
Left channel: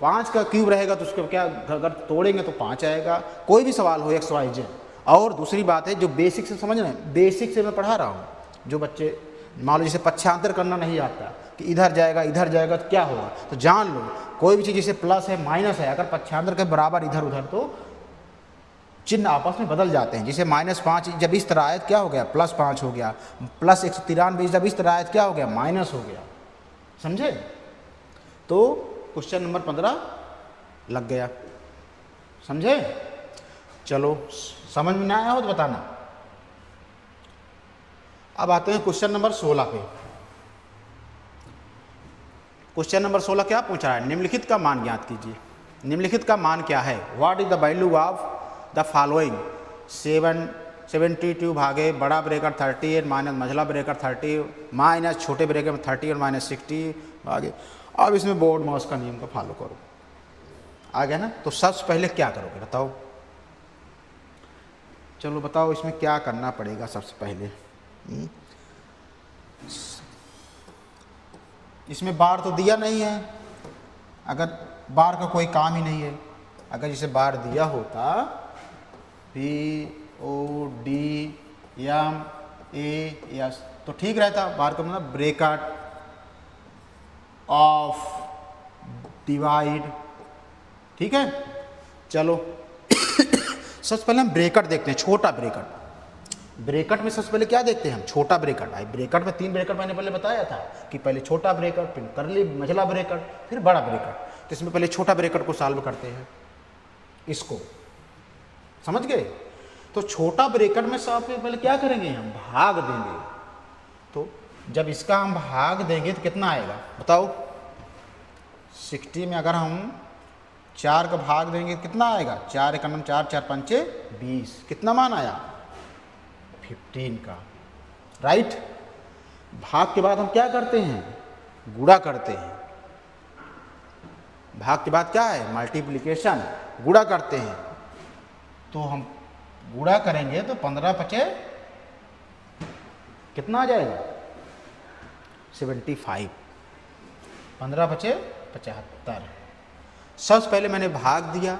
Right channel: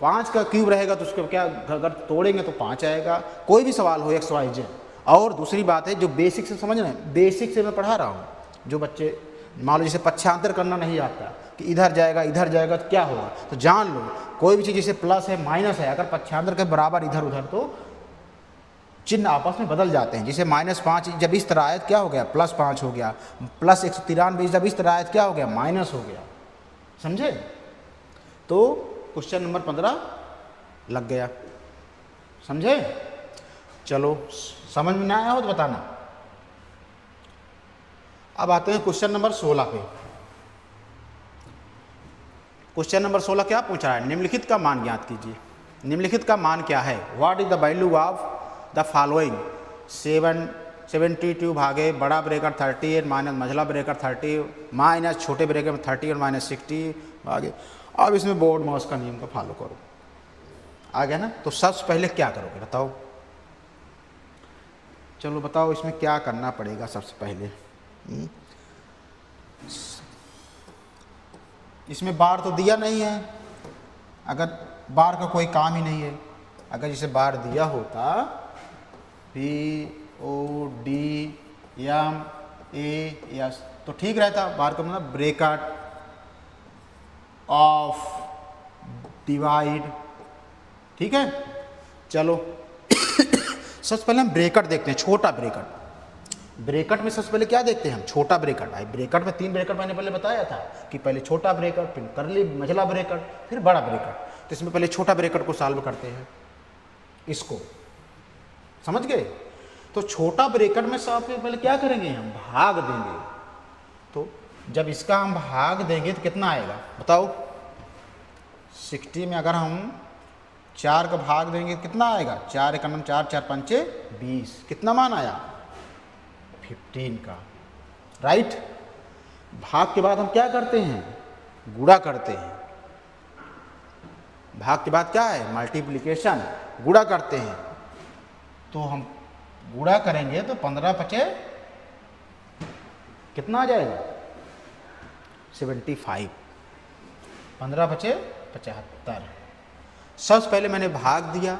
5 का क्यूब रहेगा तो उसको क्या अगर तोड़ेंगे तो 5 आएगा। कोई भी सवाल हो एक्स वाई जेड। और दूसरी बात है जो बेसिक से समझ रहे हैं, बेसिक से मैं पढ़ा रहा हूँ। जो बच्चे मान लो जैसे पक्षांतर करना नहीं आता कि इधर जाएगा तो क्या होगा, तो जान लो कोई भी चीज़ जैसे प्लस है माइनस है, अगर पक्षांतर के बराबर इधर उधर तो चिन्ह आपस में बदल जाते हैं। जैसे -5 जब इस तरह आया क्या हो गया? +5 हो गया। प्लस 193 जब इस तरह आया क्या हो गया? माइनस हो गया। समझे? तो क्वेश्चन नंबर 15 लग गया। समझे? चलो समझ में ना आया हो तो बताना। अब आते हैं क्वेश्चन नंबर 16 पे। क्वेश्चन नंबर 16 क्या पूछा है? निम्नलिखित का मान ज्ञात कीजिए। निम्नलिखित का मान क्या है? What is the value of the following? 72 भागे बड़ा ब्रैकेट 38 माइनस मझला ब्रैकेट 30 माइनस छोटे ब्रैकेट में 30 और माइनस 60 भागे। अब इसमें बोर्ड माउस का नियम का फॉलो करो। आ गया ना? तो सबसे पहले क्या करोगे बताओ? चलो बताओ इसमें क्या करना पड़ेगा सबसे पहले। इसमें बार तो दिया नहीं है, अगर बार का कोई काम ही नहीं है। अगर इसे बार दिया होता BODMAS तो ठीक रहता। बार का मतलब ब्रैकेट एफ डिवाइड, ठीक है। चलो सबसे पहले हम ब्रैकेट देखते हैं, छोटा ब्रैकेट। ब्रैकेट में सबसे पहले क्या देखते हैं हम? छोटा ब्रैकेट। भाई ब्रैकेट में 3 ब्रैकेट मैंने पहले बताया था कि पहले छोटा ब्रैकेट, फिर करली मझला ब्रैकेट, फिर बड़ा ब्रैकेट। तो इसमें पहले छोटा ब्रैकेट को सॉल्व करते हैं। इसको समझ गए? तो छोटा ब्रैकेट में सबसे पहले क्या करेंगे? हम भाग देंगे। तो जब इसका हम भाग देंगे तो कितना आएगा बताओ? 60 में अगर हम 4 का भाग देंगे कितना आएगा? 4 का 4 4 5 20। कितना मान आया? 15 का, राइट। भाग के बाद हम क्या करते हैं, गुणा करते हैं। भाग के बाद क्या है, मल्टीप्लिकेशन, गुणा करते हैं। तो हम गुणा करेंगे तो 15 पचे कितना आ जाएगा, 75। 15 पचे 75। सबसे पहले मैंने भाग दिया,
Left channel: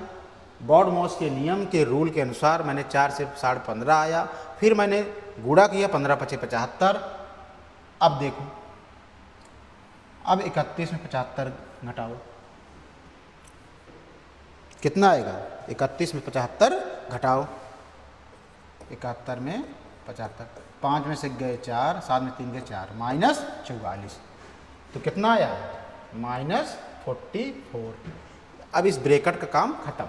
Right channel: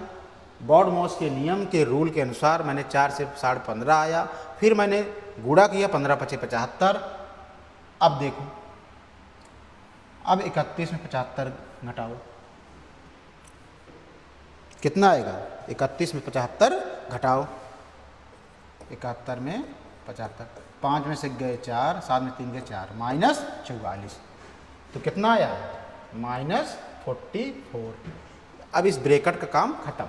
बॉड-मॉस के नियम के रूल के अनुसार मैंने 4 से 15.5 आया, फिर मैंने गुणा किया 15 पचे 75। अब देखो, अब 31 में 75 घटाओ, कितना आएगा, 31 में 75 घटाओ, 71 में 75, 5 में से गए 4, 7 में 3 गए 4, -44। तो कितना आया, -44। अब इस ब्रैकेट का काम खत्म,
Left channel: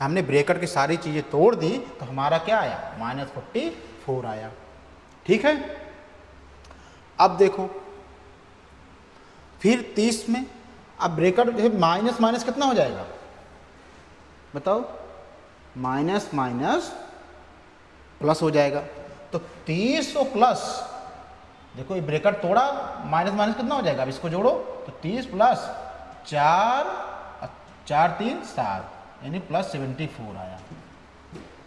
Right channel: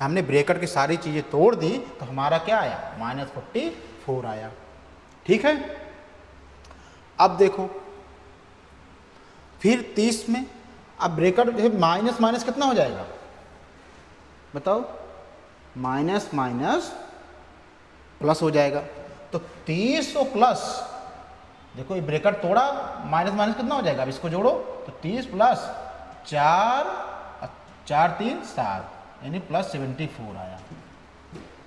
हमने ब्रैकेट की सारी चीज़ें तोड़ दी तो हमारा क्या आया, -44 आया। ठीक है। अब देखो फिर 30 में, अब ब्रैकेट माइनस माइनस कितना हो जाएगा बताओ, माइनस माइनस प्लस हो जाएगा। तो 30 और प्लस, देखो ये ब्रैकेट तोड़ा, माइनस माइनस कितना हो जाएगा, अब इसको जोड़ो तो 30 प्लस 4, 4 3 7, यानी +74 आया।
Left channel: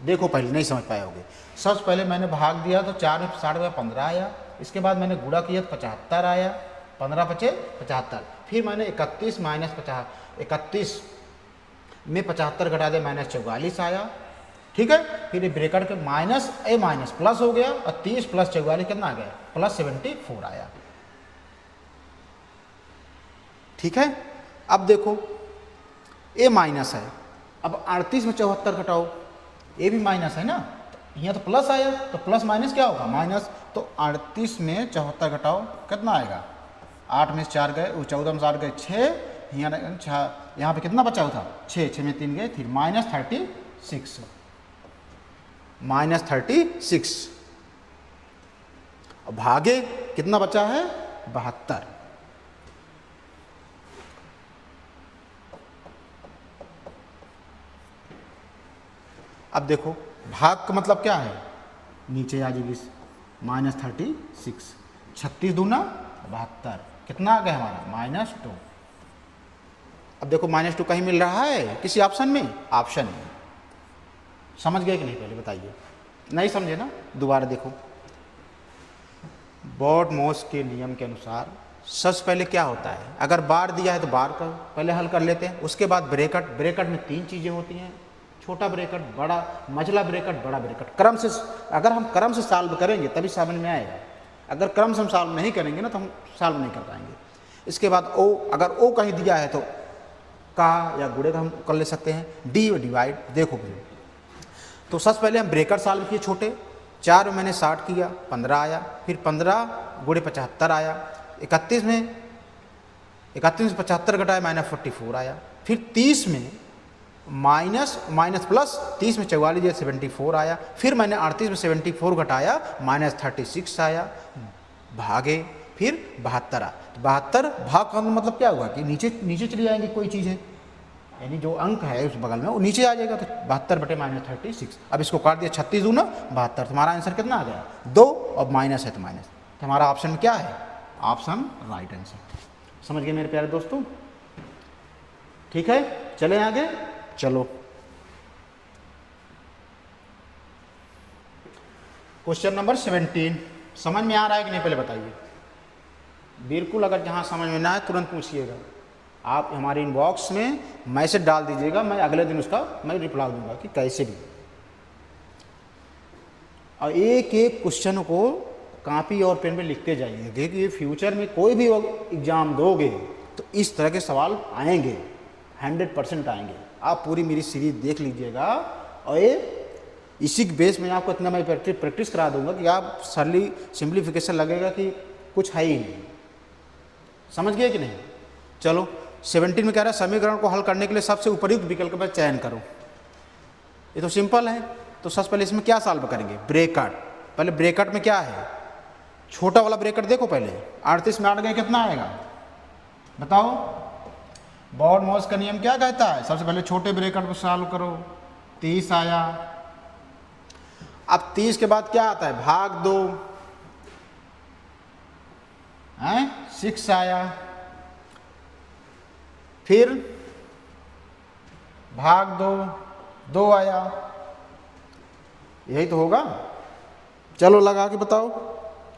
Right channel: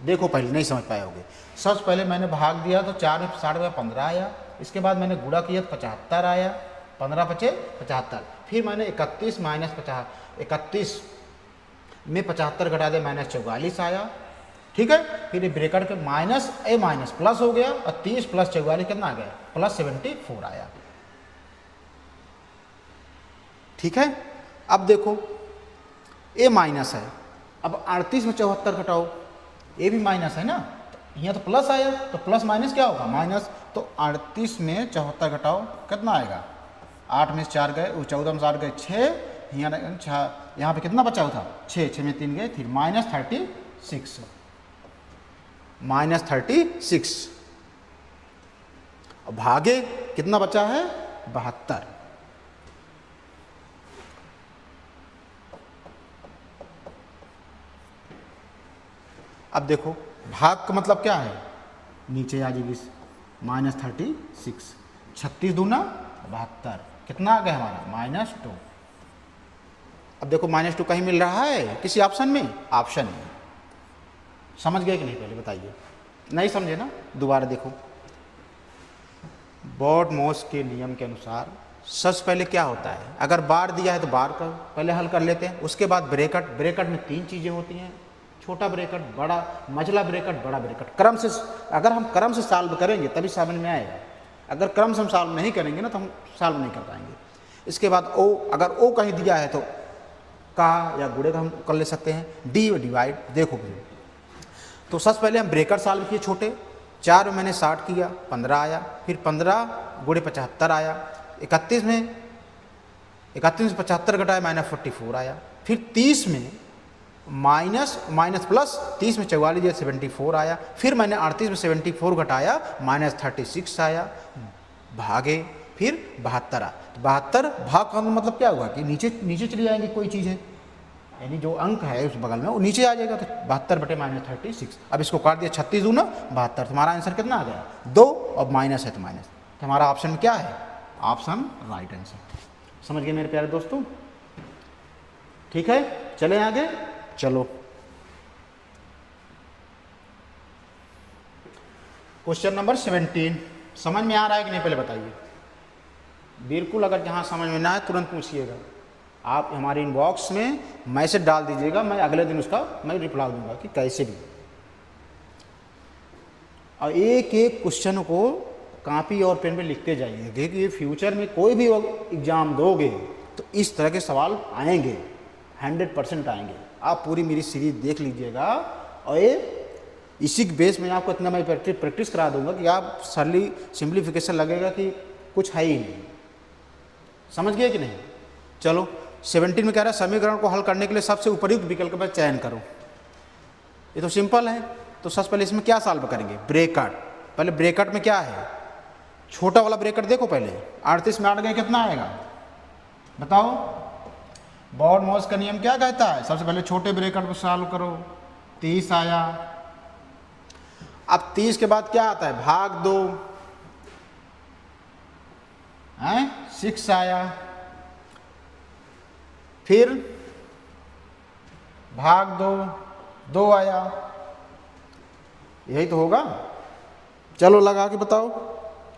देखो पहले नहीं समझ पाए होगे, सबसे पहले मैंने भाग दिया तो 4 में 60 में 15 आया, इसके बाद मैंने गुणा किया तो 75 आया, 15 पचे 75। फिर मैंने 31 माइनस 50, 31 में 75 घटा दे, -44 आया। ठीक है। फिर ब्रैकेट के माइनस ए माइनस प्लस हो गया, और 30 + 44 कितना आ गया, +74 आया। ठीक है। अब देखो ए माइनस है, अब 38 में 74 घटाओ, ए भी माइनस है ना, तो यहाँ तो प्लस आया, तो प्लस माइनस क्या होगा, माइनस। तो 38 में 74 घटाओ, कितना आएगा, 8 में 4 गए, 14 में 4 गए 6, यहाँ पे कितना बचा हुआ था, 6, 6 में 3 गए, फिर -36, -36। भागे कितना बचा है, 72। अब देखो भाग का मतलब क्या है, नीचे आ जाएगी -36, 36 दूना 72, कितना आ गया हमारा, -2। अब देखो -2 कहीं मिल रहा है किसी ऑप्शन में, ऑप्शन है। समझ गए कि नहीं, पहले बताइए, नहीं समझे ना, दोबारा देखो। बॉड-मॉस के नियम के अनुसार सबसे पहले क्या होता है, अगर बार दिया है तो बार का पहले हल कर लेते हैं, उसके बाद ब्रैकेट, ब्रैकेट में 3 चीज़ें होती हैं, छोटा ब्रैकेट, बड़ा मझला ब्रैकेट, बड़ा ब्रैकेट। क्रम से, अगर हम क्रम से सॉल्व करेंगे तभी समझ में आएगा, अगर क्रम से हम सॉल्व नहीं करेंगे ना तो हम सॉल्व नहीं कर पाएंगे। इसके बाद ओ, अगर ओ कहीं दिया है तो का या गुणे का हम कर ले सकते हैं, डी डिवाइड। देखो तो सबसे पहले हम ब्रैकेट सॉल्व किए छोटे, 4 में मैंने 60 किया, 15 आया, फिर 15 गुणे 75 आया, 31 में 75 घटाया, -44 आया, फिर 30 में माइनस प्लस 30 में 44 दिया, 74 आया, फिर मैंने 38 में 74 घटाया, -36 आया, भागे फिर 72 आया। 72 भाग का मतलब क्या हुआ कि नीचे नीचे चली जाएंगी कोई चीज़ है, यानी जो अंक है उस बगल में वो नीचे आ जाएगा, तो 72 बटे -36। अब इसको काट दिया, 36 दूना 72, तुम्हारा आंसर कितना आ गया, 2, और माइनस है तो माइनस, हमारा ऑप्शन में क्या है, ऑप्शन राइट आंसर। समझ गए मेरे प्यारे दोस्तों, ठीक है। चले आगे, चलो क्वेश्चन नंबर 17। समझ में आ रहा है कि नहीं, पहले बताइए। बिल्कुल, अगर जहाँ समझ में ना आए तुरंत पूछिएगा, आप हमारे इनबॉक्स में मैसेज डाल दीजिएगा, मैं अगले दिन उसका मैं रिप्लाई दूंगा कि कैसे भी। और एक एक क्वेश्चन को कॉपी और पेन पे लिखते जाइए, देखिए फ्यूचर में कोई भी एग्जाम दोगे तो इस तरह के सवाल आएंगे, 100% आएंगे। आप पूरी मेरी सीरीज देख लीजिएगा, और ये इसी के बेस में आपको इतना मैं प्रैक्टिस करा दूंगा कि आप सिंप्लीफिकेशन लगेगा कि कुछ है ही नहीं। समझ गए कि नहीं। चलो 17 में कह रहा है समीकरण को हल करने के लिए सबसे उपयुक्त विकल्प का चयन करो। ये तो सिंपल है, तो सबसे पहले इसमें क्या सॉल्व करेंगे, ब्रैकेट। पहले ब्रैकेट में क्या है, छोटा वाला ब्रैकेट देखो पहले, 38 में 8 गए कितना आएगा बताओ। बॉड-मॉस का नियम क्या कहता है, सबसे पहले छोटे ब्रैकेट को सॉल्व करो, 30 आया। अब 30 के बाद क्या आता है, भाग दो, 6 आया, फिर भाग दो, 2 आया, यही तो होगा। चलो लगा के बताओ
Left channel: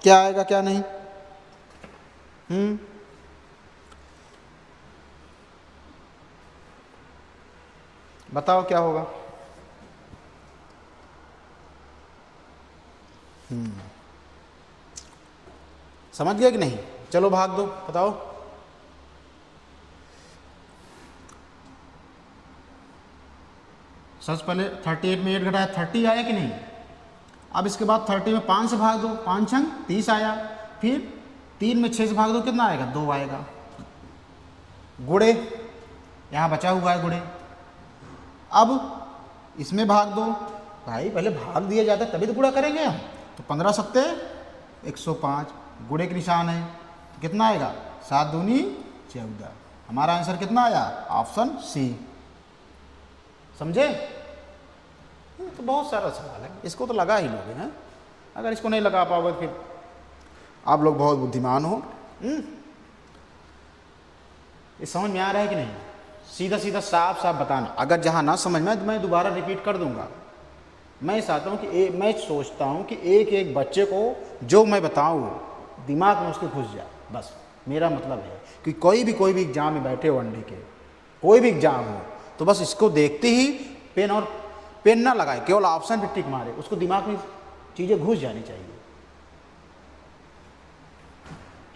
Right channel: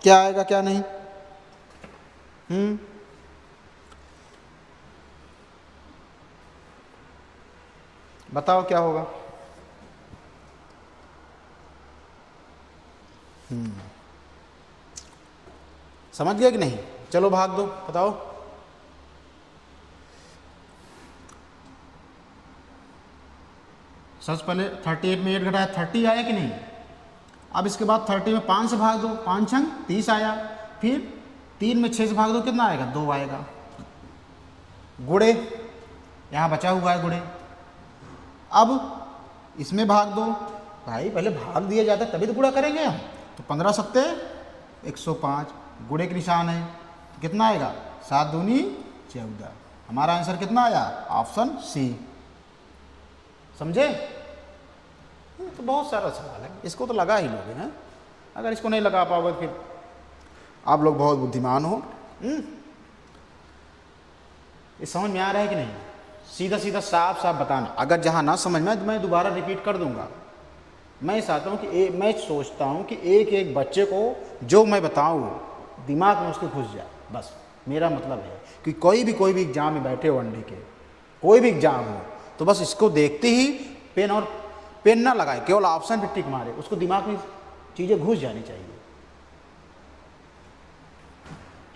क्या आएगा क्या नहीं। बताओ क्या होगा। समझ गया कि नहीं? चलो भाग दो, बताओ। सबसे पहले 38 में 8 घटाया 30 आया कि नहीं। अब इसके बाद 30 में 5 से भाग दो, 5 छंग 30 आया। फिर 3 में 6 से भाग दो, कितना आएगा? 2 आएगा। गुड़े, यहाँ बचा हुआ है गुड़े। अब इसमें भाग दो। भाई पहले भाग दिया जाता तभी तो गुणा करेंगे हम। तो 15 सत्ते 105, गुड़े के निशान है। तो कितना आएगा? 7 दूनी 14। हमारा आंसर कितना आया? Option C. समझे? तो बहुत सारा सवाल है, इसको तो लगा ही नहीं है। अगर इसको नहीं लगा पाओगे फिर आप लोग बहुत बुद्धिमान हो। ये समझ में आ रहा है कि नहीं? सीधा सीधा साफ साफ बताना। अगर जहाँ ना समझ में तो मैं दोबारा रिपीट कर दूंगा। मैं चाहता हूँ कि मैं सोचता हूँ कि एक एक बच्चे को जो मैं बताऊँ दिमाग में उसके घुस जाए। बस मेरा मतलब है कि कोई भी एग्जाम में बैठे हो, अंडी के कोई भी एग्जाम हो, तो बस इसको देखते ही पेन ना लगाए, केवल ऑप्शन पे टिक मारे, उसको दिमाग में चीज़ें घुस जानी चाहिए।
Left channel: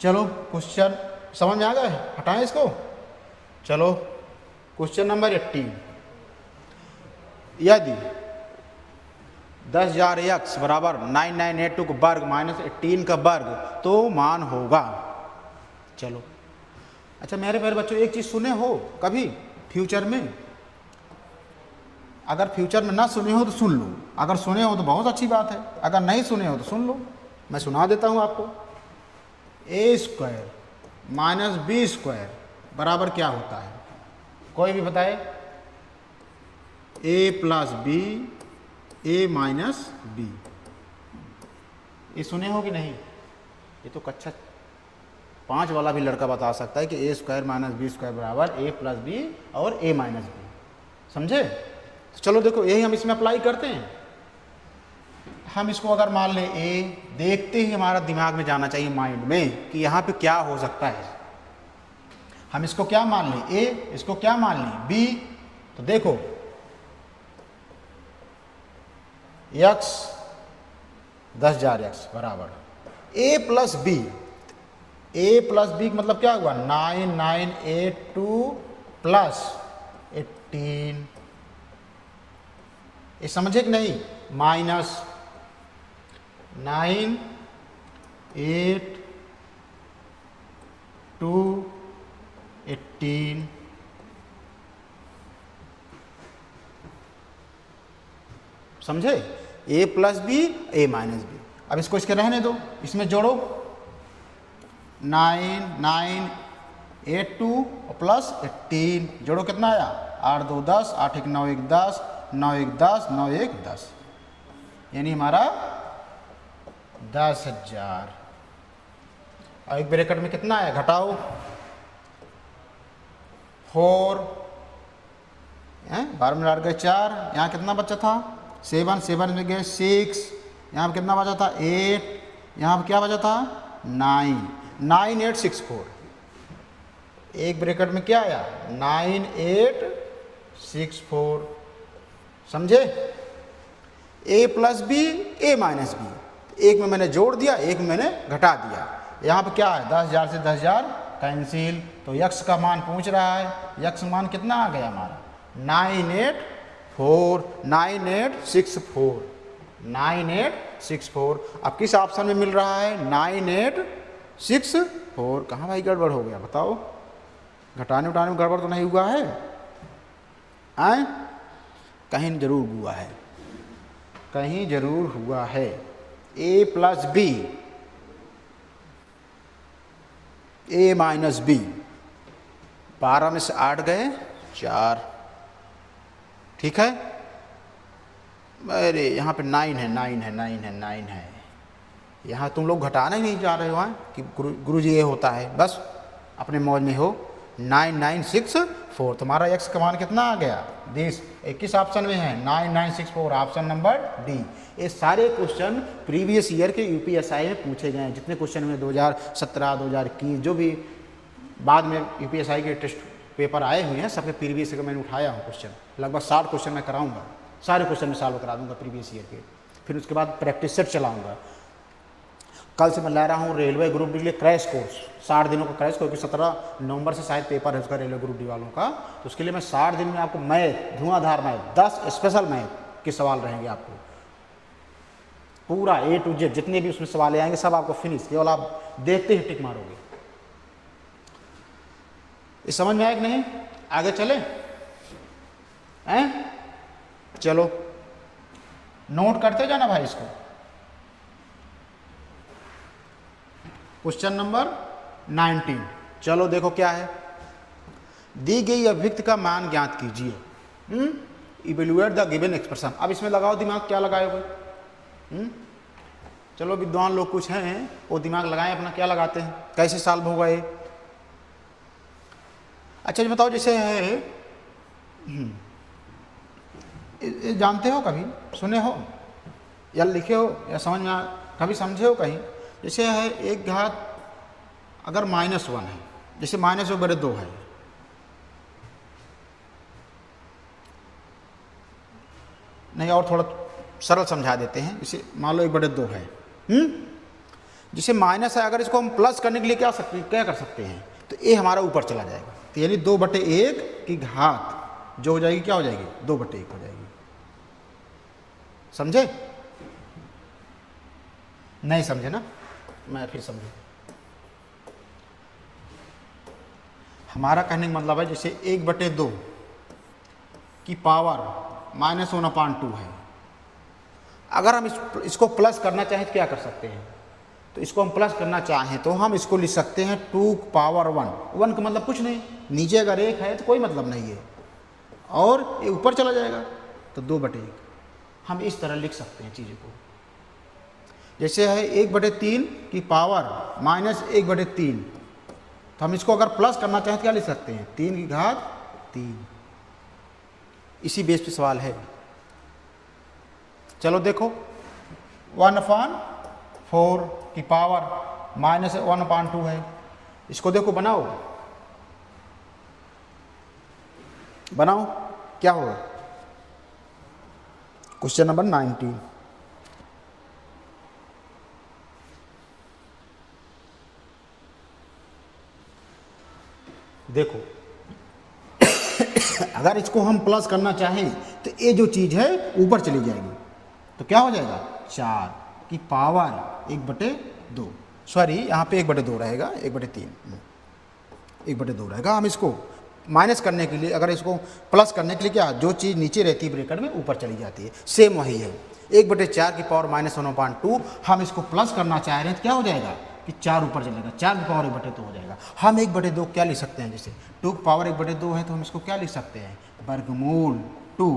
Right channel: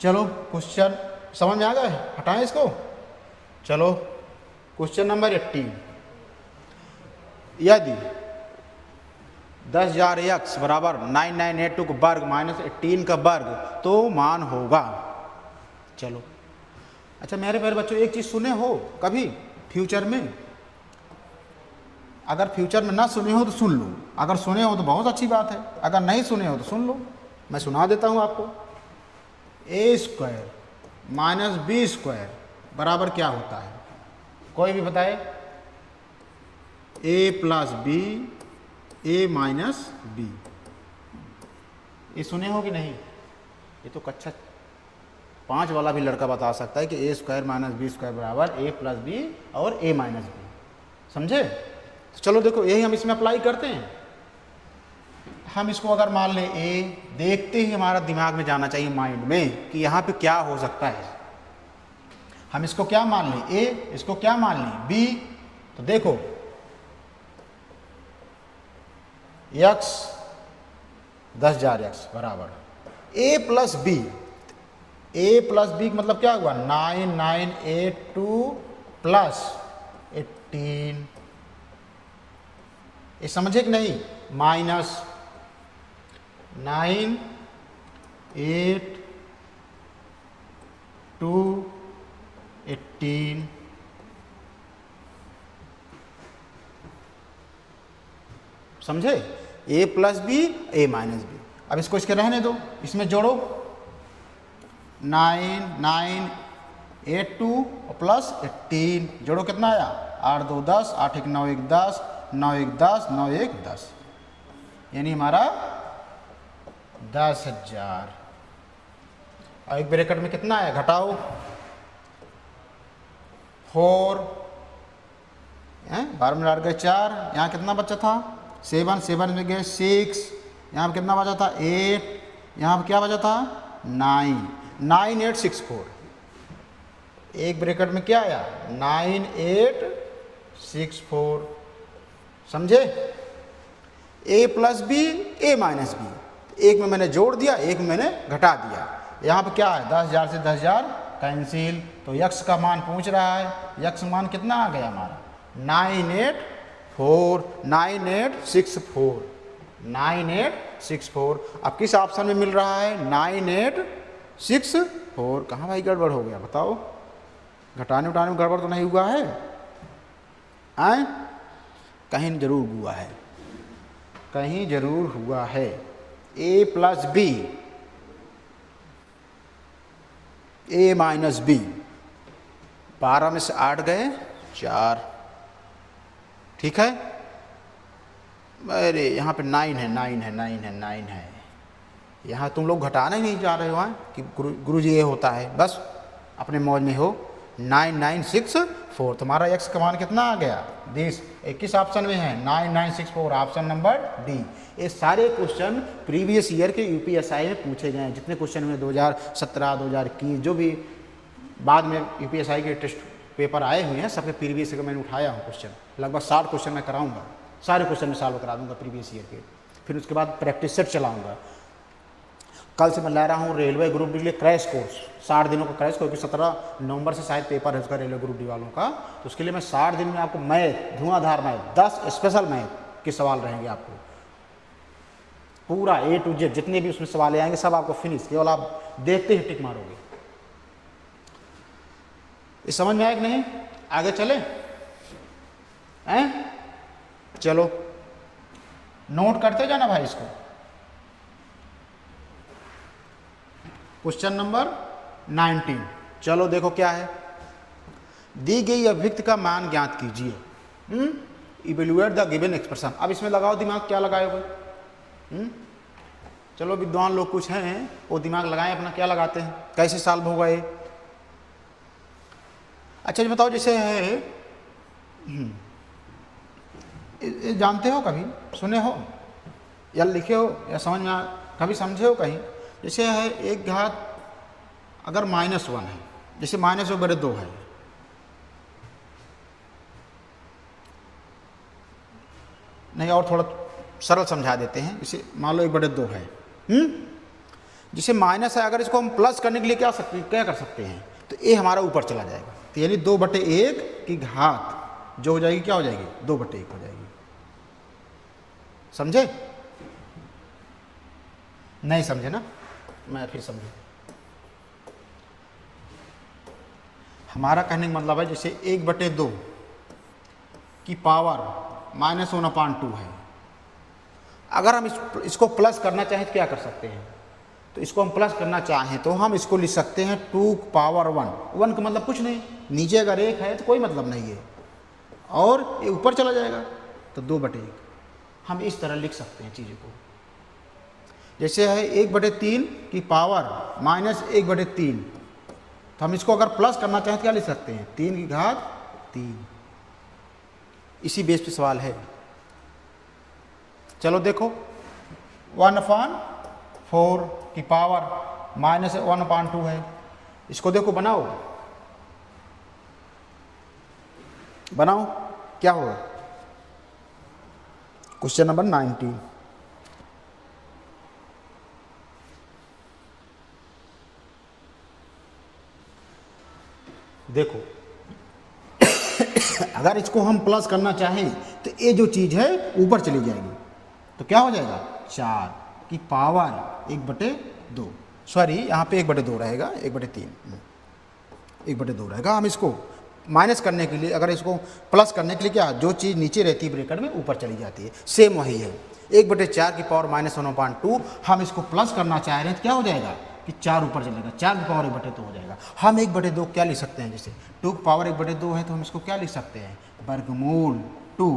चलो क्वेश्चन समझ में आ गया? बताओ इसको। चलो क्वेश्चन नंबर 18, यदि 10,000 x बराबर 9982 का वर्ग माइनस 18 का वर्ग तो मान होगा। चलो अच्छा, मेरे बच्चों एक चीज सुने हो कभी फ्यूचर में? अगर फ्यूचर में ना सुने हो तो सुन लो, अगर सुने हो तो बहुत अच्छी बात है, अगर नहीं सुने हो तो सुन लो। मैं सुना देता हूं आपको। ए स्क्वायर माइनस बी स्क्वायर बराबर क्या होता है? कोई भी बताए। ए plus B, A minus B. ये सुने हो कि नहीं? ये तो कक्षा 5 वाला भी लड़का बता सकता है कि ए स्क्वायर माइनस बी स्क्वायर बराबर ए प्लस बी और ए माइनस बी। समझे? तो चलो देखो, यही हम इसमें अप्लाई करते हैं। हम इसको अगर मान लें ए, देखते ही हमारा दिमाग में जाना चाहिए माइंड में कि यहाँ पे क्या हो सकता है। हम इसको क्या मान लें? ए, इसको क्या मान लें? बी। तो देखो एक्स 10,000 एक्स बराबर ए प्लस बी। ए प्लस बी मतलब क्या हुआ? 9982 प्लस 18। ये समझे कि नहीं? माइनस 98218। समझे? ए plus B, A minus B. अब इसको इसके रहने दो, इसमें जोड़ो 9982 प्लस 18, जोड़ो कितना आया? 8 2 10, 8 1 9 1 10, 9 1 10, 9 1 10, यानी हमारा 10,000। और एक ब्रैकेट में कितना है? घटाओ 4, 12 में डाल गए 4, यहाँ कितना बचा था? 7, 7 में गए 6, यहाँ पर कितना बचा था? 8, यहाँ पर क्या बचा था? 9, 9864। एक ब्रैकेट में क्या आया? 9864। समझे? ए plus B, A minus B, एक में मैंने जोड़ दिया, एक में मैंने घटा दिया। यहाँ पे क्या है? 10,000 से 10,000 कैंसिल। तो यक्स का मान पूछ रहा है, यक्स मान कितना आ गया हमारा? 984, 9864, 9864। अब किस ऑप्शन में मिल रहा है? 9864। कहाँ भाई गड़बड़ हो गया बताओ? बताने का गड़बड़ तो नहीं हुआ है? हैं? जरूर हुआ है, कहीं जरूर हुआ है। ए plus B, A minus B, 12 में से 8 गए 4। ठीक है? अरे यहाँ पे 9 है, 9 है, 9 है, 9 है, यहाँ तुम लोग घटाने नहीं जा रहे हो हैं कि गुरु जी ये होता है, बस अपने मौज में हो। 9964 तुम्हारा एक्स का मान कितना आ गया 20, 21 ऑप्शन में है 9964 ऑप्शन नंबर डी। ये सारे क्वेश्चन प्रीवियस ईयर के यूपीएसआई में पूछे गए हैं। जितने क्वेश्चन में 2017 2021 जो भी बाद में यूपीएसआई के टेस्ट पेपर आए हुए हैं, सबने प्रीवियस ईयर मैंने उठाया है क्वेश्चन, लगभग 60 क्वेश्चन में कराऊंगा, सारे क्वेश्चन में सॉल्व करा दूंगा प्रीवियस ईयर के। फिर उसके बाद प्रैक्टिस सब चलाऊंगा। कल से मैं ला रहा हूँ railway group D crash course, 60 दिनों का कोर्स, क्योंकि 17 नवंबर से शायद पेपर है उसका रेलवे ग्रुप डी वालों का। उसके लिए मैं 60 दिन में आपको मैथ, धुआंधार मैथ, 10 स्पेशल मैथ के सवाल रहेंगे आपको, पूरा A to Z जितने भी उसमें सवाल आएंगे सब आपको फिनिश, केवल आप देखते ही टिक मारोगे। ये समझ में आया कि नहीं? आगे चले हैं? चलो नोट करते जाना भाई इसको। क्वेश्चन नंबर 19, चलो देखो क्या है। दी गई अभिव्यक्ति का मान ज्ञात कीजिए। Evaluate the given expression. अब इसमें लगाओ दिमाग, क्या लगाओगे? चलो विद्वान लोग कुछ हैं वो दिमाग लगाएं अपना, क्या लगाते हैं, कैसे सॉल्व होगा ये। अच्छा ये बताओ, जैसे है ये जानते हो, कभी सुने हो या लिखे हो या समझ में कभी समझे हो कहीं? जैसे है एक घात अगर -1 है, जैसे -1/2 है, नहीं और थोड़ा सरल समझा देते हैं। जैसे मान लो 1/2 है, जैसे माइनस है, अगर इसको हम प्लस करने के लिए क्या कर सकते हैं, तो ये हमारा ऊपर चला जाएगा, तो यानी 2/1 की घात जो हो जाएगी क्या हो जाएगी, 2/1 हो जाएगी। समझे? नहीं समझे ना, मैं फिर समझू। हमारा कहने का मतलब है जैसे 1/2 की पावर -1/2 है, अगर हम इसको प्लस करना चाहें तो क्या कर सकते हैं, तो इसको हम प्लस करना चाहें तो हम इसको लिख सकते हैं 2⁻1। 1 का मतलब कुछ नहीं, नीचे अगर 1 है तो कोई मतलब नहीं है, और ये ऊपर चला जाएगा तो 2/1। हम इस तरह लिख सकते हैं चीज़ों को। जैसे है 1/3 की पावर -1/3, तो हम इसको अगर प्लस करना चाहें तो क्या लिख सकते हैं, 3 की घात 3। इसी बेस पे सवाल है। चलो देखो 1/4 की पावर -1/2 है, इसको देखो बनाओ क्या होगा। क्वेश्चन नंबर 90, देखो अगर इसको हम प्लस करना चाहें तो ये जो चीज़ है ऊपर चली जाएगी, तो क्या हो जाएगा 4 की पावर 1/2, सॉरी यहाँ पे 1/2 रहेगा, 1/3, 1/2 रहेगा। हम इसको माइनस करने के लिए, अगर इसको प्लस करने के लिए क्या, जो चीज़ नीचे रहती है ब्रैकेट में ऊपर चली जाती है, सेम वही है। 1/4 की पावर -1/2, हम इसको प्लस करना चाह रहे हैं तो क्या हो जाएगा कि 4 ऊपर चलेगा, 4 की पावर 1/2 हो जाएगा। हम 1/2 क्या लिख सकते हैं, जैसे 2 की पावर 1/2 है तो हम इसको क्या लिख सकते हैं, वर्गमूल 2।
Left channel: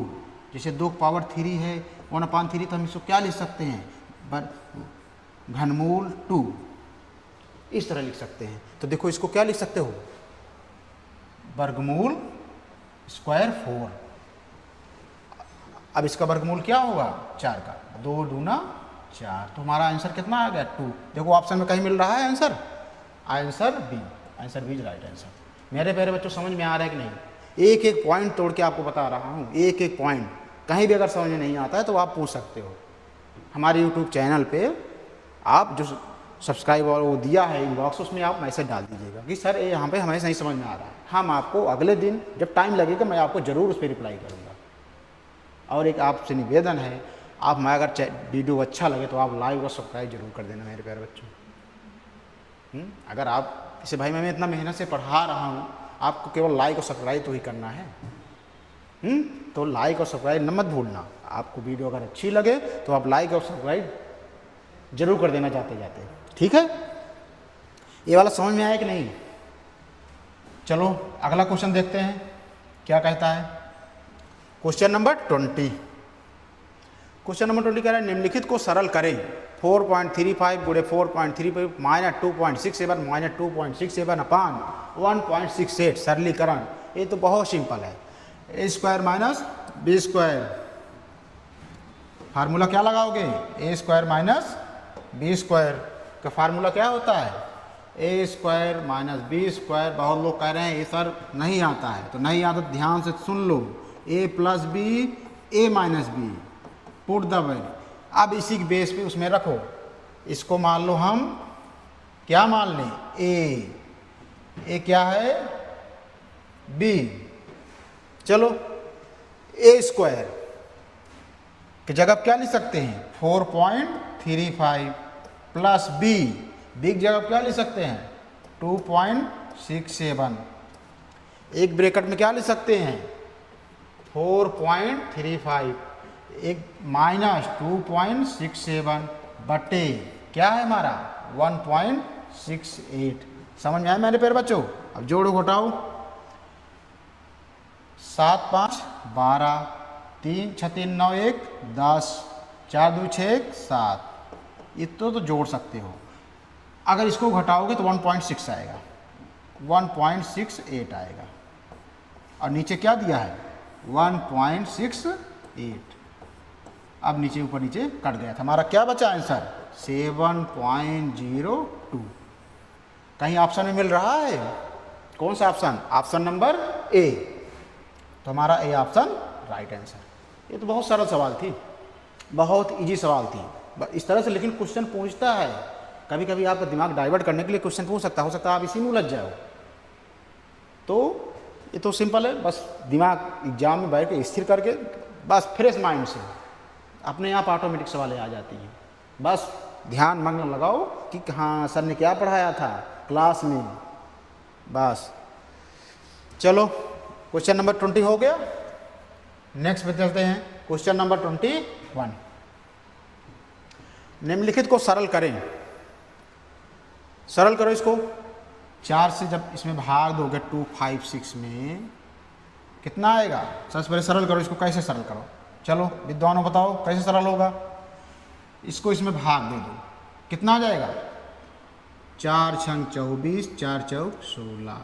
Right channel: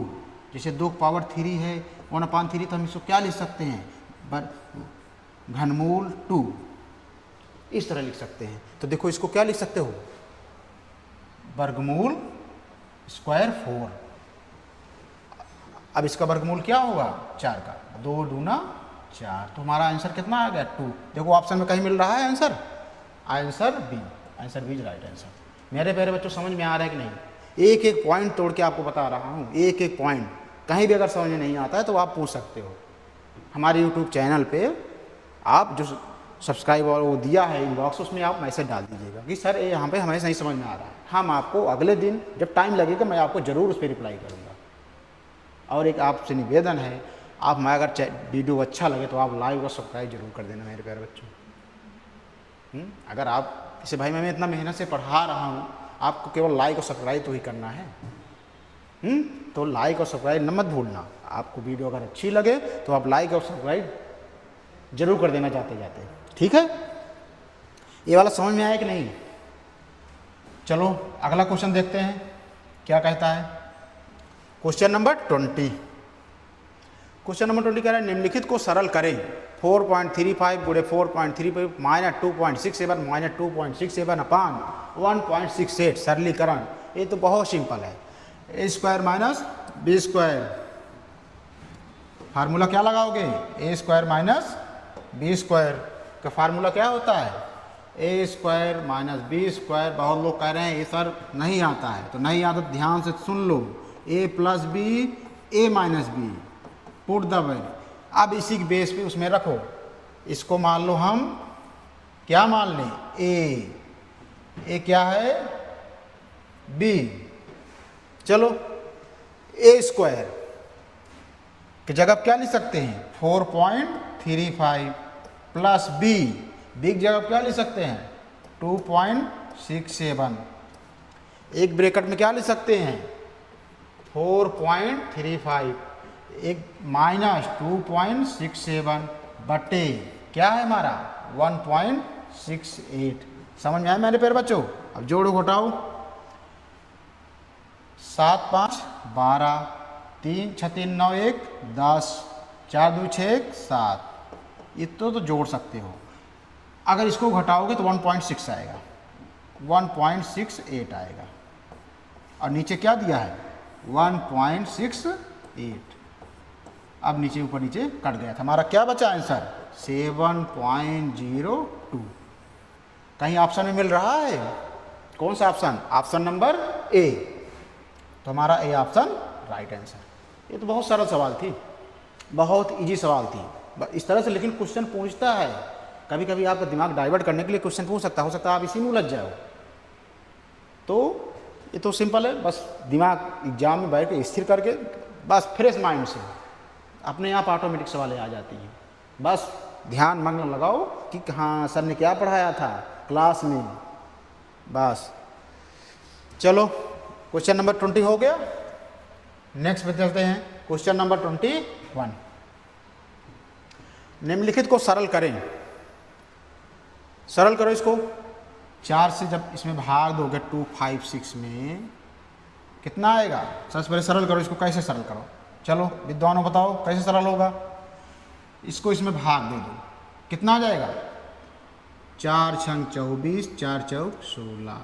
जैसे 2 की पावर 3 है 1/3, तो हम इसको क्या लिख सकते हैं, घनमूल 2। इस तरह लिख सकते हैं। तो देखो इसको क्या लिख सकते हो, वर्गमूल स्क्वायर 4। अब इसका वर्गमूल क्या होगा 4 का, 2 दूना 4, तो हमारा आंसर कितना आ गया 2। देखो ऑप्शन में कहीं मिल रहा है answer, answer B is right answer. मेरे प्यारे बच्चों समझ में आ रहा है कि नहीं? एक एक पॉइंट तोड़ के आपको बता रहा हूँ, एक एक पॉइंट। कहीं भी अगर समझ में नहीं आता है तो आप पूछ सकते हो हमारे यूट्यूब चैनल पे। आप जो सब्सक्राइब और वो दिया है इनबॉक्स, उसमें आप मैसेज डाल दीजिएगा कि सर ये यहाँ पे हमें सही समझ में आ रहा है। हम आपको अगले दिन जब टाइम लगेगा मैं आपको ज़रूर उस पर रिप्लाई करूँगा। और एक आपसे निवेदन है, आप मैं अगर वीडियो अच्छा लगे तो आप लाइक और सब्सक्राइब जरूर कर देना मेरे प्यारे बच्चों। अगर आप इसे भाई मैं इतना मेहनत से पढ़ा रहा हूँ, आपको केवल लाइक और सब्सक्राइब तो ही करना है। तो लाइक और सब्सक्राइब न मत भूलना। आपको वीडियो अगर अच्छी लगे तो आप लाइक और सब्सक्राइब जरूर कर देना जाते जाते, ठीक है? ये वाला समझ में आया कि नहीं? चलो अगला क्वेश्चन देखते हैं क्या कहता है। क्वेश्चन नंबर 20 कह रहा है निम्नलिखित को सरल करें। 4.35 गुणे 4.35 माइनस 2.67 माइनस 2.67 अपान 1.68 सरलीकरण। ये तो बहुत सिंपल है। A square minus B square, formula क्या लगाओगे? A square minus B square का फार्मूला क्या होता है? A square minus B square. बहुत लोग कह रहे हैं ये सर नहीं आता है, तो नहीं आता, ध्यान से सुन लो। A plus B, A minus B, put the value. अब इसी के बेस पे उसमें रखो। इसको मान लो हम क्या मान लें? ए क्या है? बी। चलो ए स्क्वायर की जगह क्या लिख सकते हैं? 4.35 प्लस बी की जगह क्या लिख सकते हैं? 2.67। एक ब्रैकेट में क्या लिख सकते हैं? 4.35 एक माइनस 2.67 बटे क्या है हमारा? 1.68। समझ में आया मेरे प्यारे बच्चों? अब जोड़ो घटाओ। 7 5 12, 3 6 3 9 1 10, 4 2 6 7। इतना तो जोड़ सकते हो। अगर इसको घटाओगे तो 1.6 आएगा, 1.68 आएगा। और नीचे क्या दिया है? 1.68। अब नीचे ऊपर नीचे कट गया था। हमारा क्या बचा आंसर? 7.02। कहीं ऑप्शन में मिल रहा है? कौन सा ऑप्शन? Option number A. तो हमारा ए ऑप्शन राइट आंसर। ये तो बहुत सरल सवाल थी, बहुत इजी सवाल थी इस तरह से। लेकिन क्वेश्चन पूछता है, कभी कभी आपका दिमाग डाइवर्ट करने के लिए क्वेश्चन पूछ सकता है। हो सकता है आप इसी में उलझ जाओ। तो ये तो सिंपल है, बस दिमाग एग्जाम में बैठ के स्थिर करके बस फ्रेश माइंड से अपने आप ऑटोमेटिक सवालें आ जाती हैं। बस ध्यान मग्न लगाओ कि हाँ सर ने क्या पढ़ाया था क्लास में। बस चलो क्वेश्चन नंबर 20 हो गया। नेक्स्ट पे चलते हैं क्वेश्चन नंबर 21। निम्नलिखित को सरल करें। सरल करो इसको। 4 से जब इसमें भाग दोगे 256 में कितना आएगा? सबसे पहले सरल करो इसको। कैसे सरल करो? चलो विद्वानों बताओ कैसे सरल होगा। इसको इसमें भाग दे दो, कितना आ जाएगा? 4 छंग 24, 4 चौक 16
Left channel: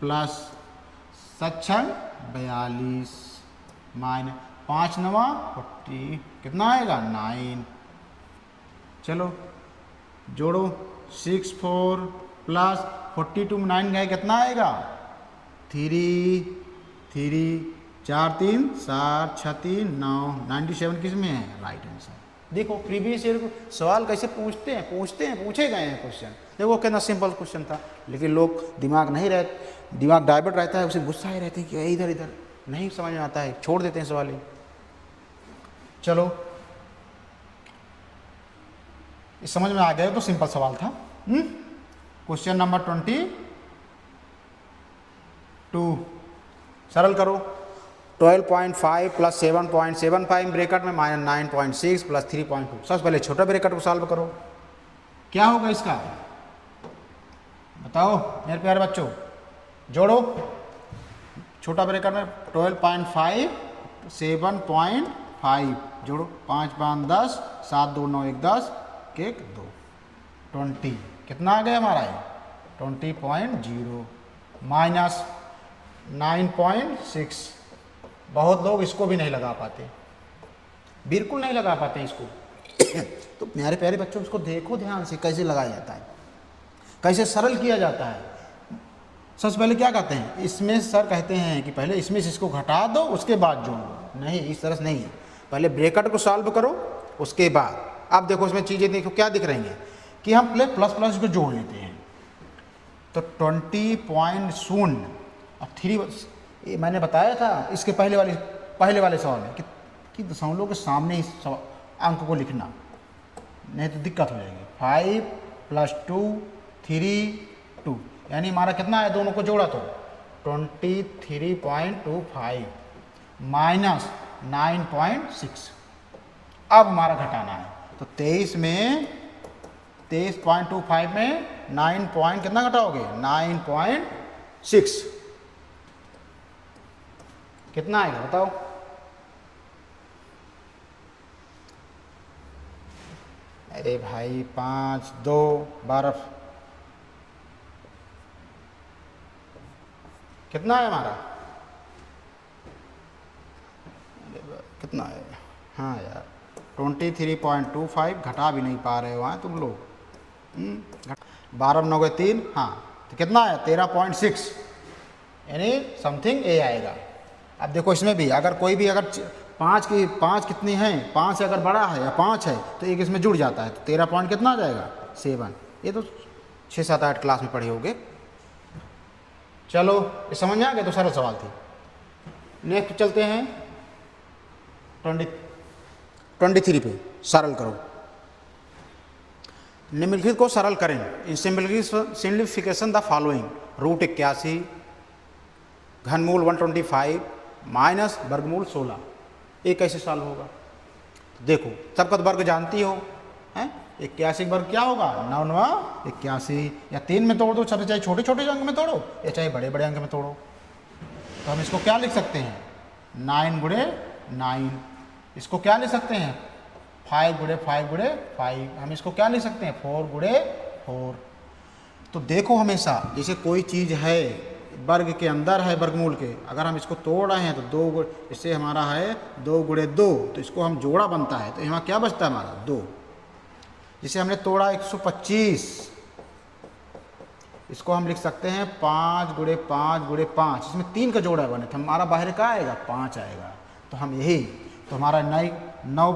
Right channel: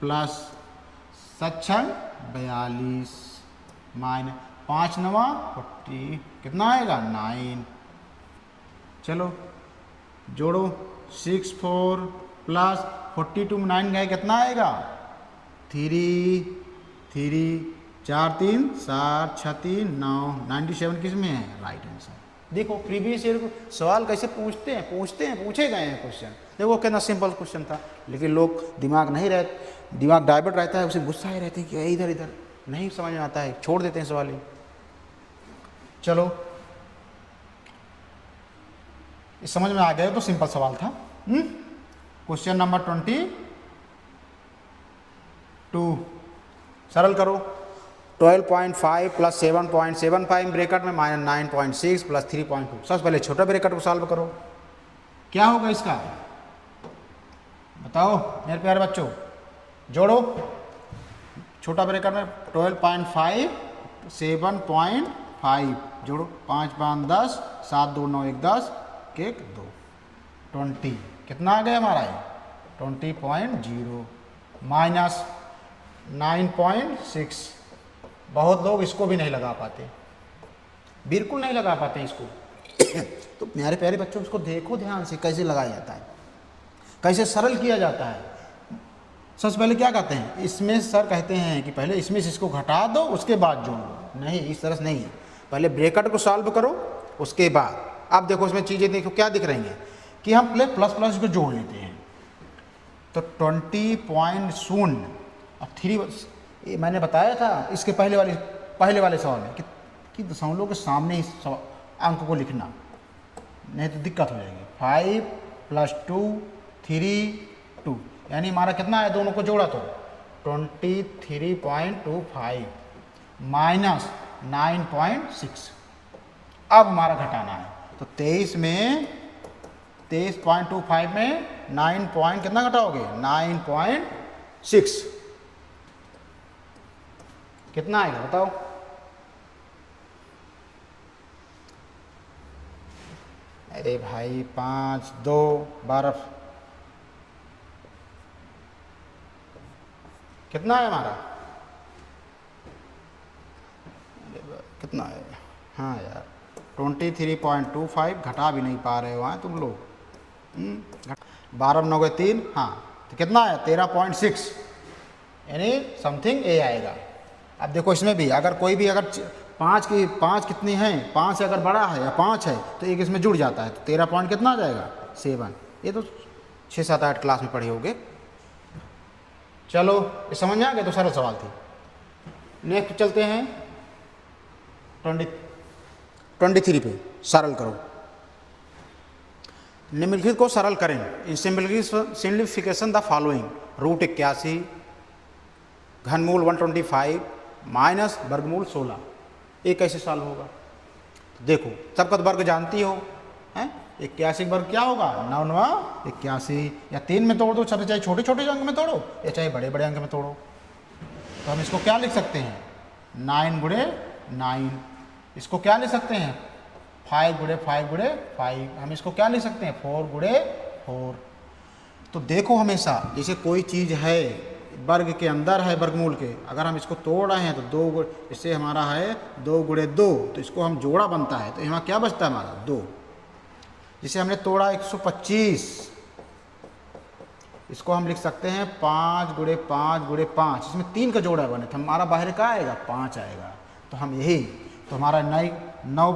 प्लस 7 छंग 42 माइनस 5 9 40, कितना आएगा? 9। चलो जोड़ो 6 4 प्लस 42 में 9 गए, कितना आएगा? 3 3 4 3 7 6 3 9 97 किस में है? Right answer. देखो प्रीवियस ईयर को सवाल कैसे पूछते हैं पूछे गए हैं क्वेश्चन। देखो कितना सिंपल क्वेश्चन था, लेकिन लोग दिमाग नहीं रहते, दिमाग डाइवर्ट रहता है, उसे गुस्सा ही रहते हैं कि इधर इधर नहीं समझ में आता है, छोड़ देते हैं सवाल ही। चलो समझ में आ गया तो सिंपल सवाल था। क्वेश्चन नंबर 22 सरल करो। 12.5 प्लस 7.75 ब्रैकेट में माइनस 9.6 प्लस 3.2। सबसे पहले छोटा ब्रैकेट को सॉल्व करो। क्या होगा इसका? बताओ मेरे प्यारे बच्चों। जोड़ो छोटा ब्रैकेट में 12.5 7.5 जोड़ो 5 5 10 7 2 9 1 10 1 2 20। कितना आ गया हमारा? 20.0 माइनस 9.6। बहुत लोग इसको भी नहीं लगा पाते, बिल्कुल नहीं लगा पाते इसको। तो प्यारे प्यारे बच्चों इसको देखो ध्यान से कैसे लगाया जाता है, कैसे सरल किया जाता है। सबसे पहले क्या कहते हैं? इसमें सर कहते हैं कि पहले इसमें से इसको घटा दो उसके बाद जोड़ो। नहीं, इस तरह से नहीं है, पहले ब्रैकेट को सॉल्व करो उसके बाद। अब देखो इसमें चीजें देखो क्या दिख रही हैं कि हम प्लस प्लस को जोड़ लेते हैं। तो 20.0 और 3 ये मैंने बताया था इसके पहले वाले सवाल में कि दशमलव के सामने इस अंक को लिखना, नहीं तो दिक्कत हो जाएगी। 5 प्लस 2 3 2 यानी हमारा कितना है? दोनों को जोड़ा तो 23.25 माइनस 9.6। अब हमारा घटाना है तो 23 में 23.25 में 9 पॉइंट कितना घटाओगे? 9.6 कितना आएगा बताओ? अरे भाई 5 2 12 कितना है हमारा? कितना है? हाँ यार 23.25 घटा भी नहीं पा रहे हो हैं तुम लोग। 12 9 के 3, हाँ तो कितना है 13.6, यानी समथिंग ए आएगा। अब देखो इसमें भी अगर कोई भी अगर 5 कितनी हैं, 5 से अगर बड़ा है या 5 है तो एक इसमें जुड़ जाता है, तो 13 पॉइंट कितना आ जाएगा 7। ये तो 6 7 8 क्लास में पढ़े होगे। चलो ये समझ में आ गया, तो सरल सवाल थी। नेक्स्ट चलते हैं 23 पे, सरल करो। निम्नलिखित को सरल करें। In simplification the following: root 81, घनमूल 125 माइनस वर्गमूल 16। ये कैसे सॉल्व होगा? देखो सबका तो वर्ग जानती हो हैं। 81 वर्ग क्या होगा? 9 9 81, या 3 में तोड़ दो, चाहे छोटे छोटे अंक में तोड़ो या चाहे बड़े बड़े अंक में तोड़ो। तो हम इसको क्या लिख सकते हैं? 9 गुणे 9। इसको क्या लिख सकते हैं? 5 गुणे 5 गुणे 5। हम इसको क्या लिख सकते हैं? 4 गुणे 4। तो देखो हमेशा जैसे कोई चीज़ है वर्ग के अंदर है, वर्गमूल के, अगर हम इसको तोड़ रहे हैं तो 2 इससे हमारा है 2 गुणे 2, तो इसको हम जोड़ा बनता है, तो यहाँ क्या बचता है हमारा 2। इसे हमने तोड़ा 125, इसको हम लिख सकते हैं 5 गुणे 5 गुणे 5। इसमें 3 का जोड़ा बने तो हमारा बाहर क्या आएगा? 5 आएगा। तो हम यही, तो हमारा 9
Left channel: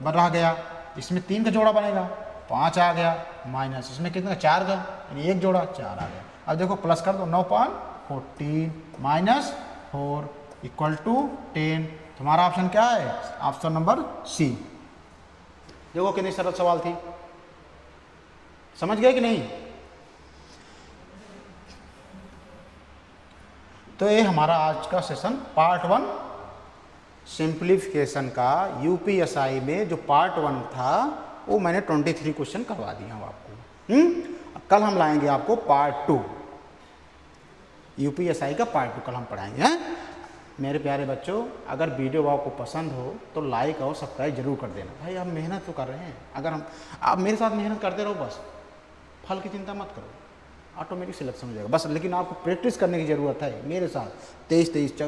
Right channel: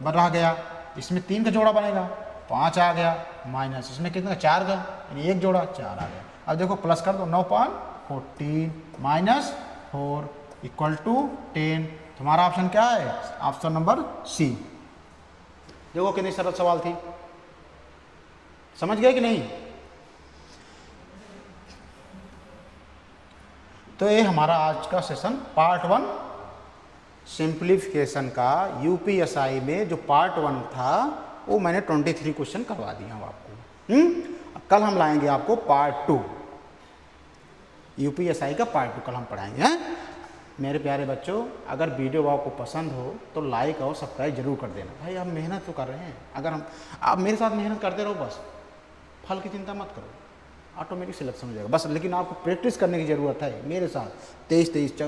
बना गया, इसमें 3 का जोड़ा बनेगा, 5 आ गया, माइनस इसमें कितना 4 का, यानी एक जोड़ा 4 आ गया। अब देखो प्लस कर दो, 9.14 माइनस 4 इक्वल टू 10। तुम्हारा ऑप्शन क्या है? Option number C. देखो कितनी सरल सवाल थी, समझ गए कि नहीं? तो हमारा आज का सेशन पार्ट 1 सिंप्लीफिकेशन का यूपीएसआई में जो पार्ट 1 था वो मैंने 23 क्वेश्चन करवा दिए हैं आपको। कल हम लाएंगे आपको पार्ट 2, यूपीएसआई का पार्ट 2 कल हम पढ़ाएंगे। हाँ मेरे प्यारे बच्चों, अगर वीडियो आपको पसंद हो तो लाइक और सब्सक्राइब जरूर कर देना। भाई आप मेहनत तो कर रहे हैं, अगर आप मेरे साथ मेहनत करते रहो बस, फल की चिंता मत करो, ऑटोमेटिक सिलेक्शन हो जाएगा बस। लेकिन आपको प्रैक्टिस करने की ज़रूरत है मेरे साथ। 23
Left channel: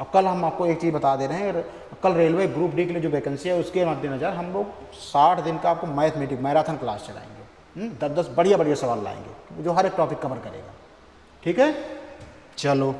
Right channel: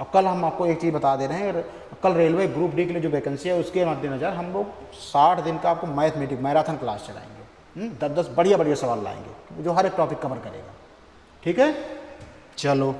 अब कल हम आपको एक चीज़ बता दे रहे हैं, कल रेलवे ग्रुप डी के लिए जो वैकेंसी है उसके मद्देनजर हम लोग 60 दिन का आपको मैराथन क्लास चलाएंगे। 10 10 बढ़िया बढ़िया सवाल लाएंगे जो हर एक टॉपिक कवर करेगा। ठीक है, चलो।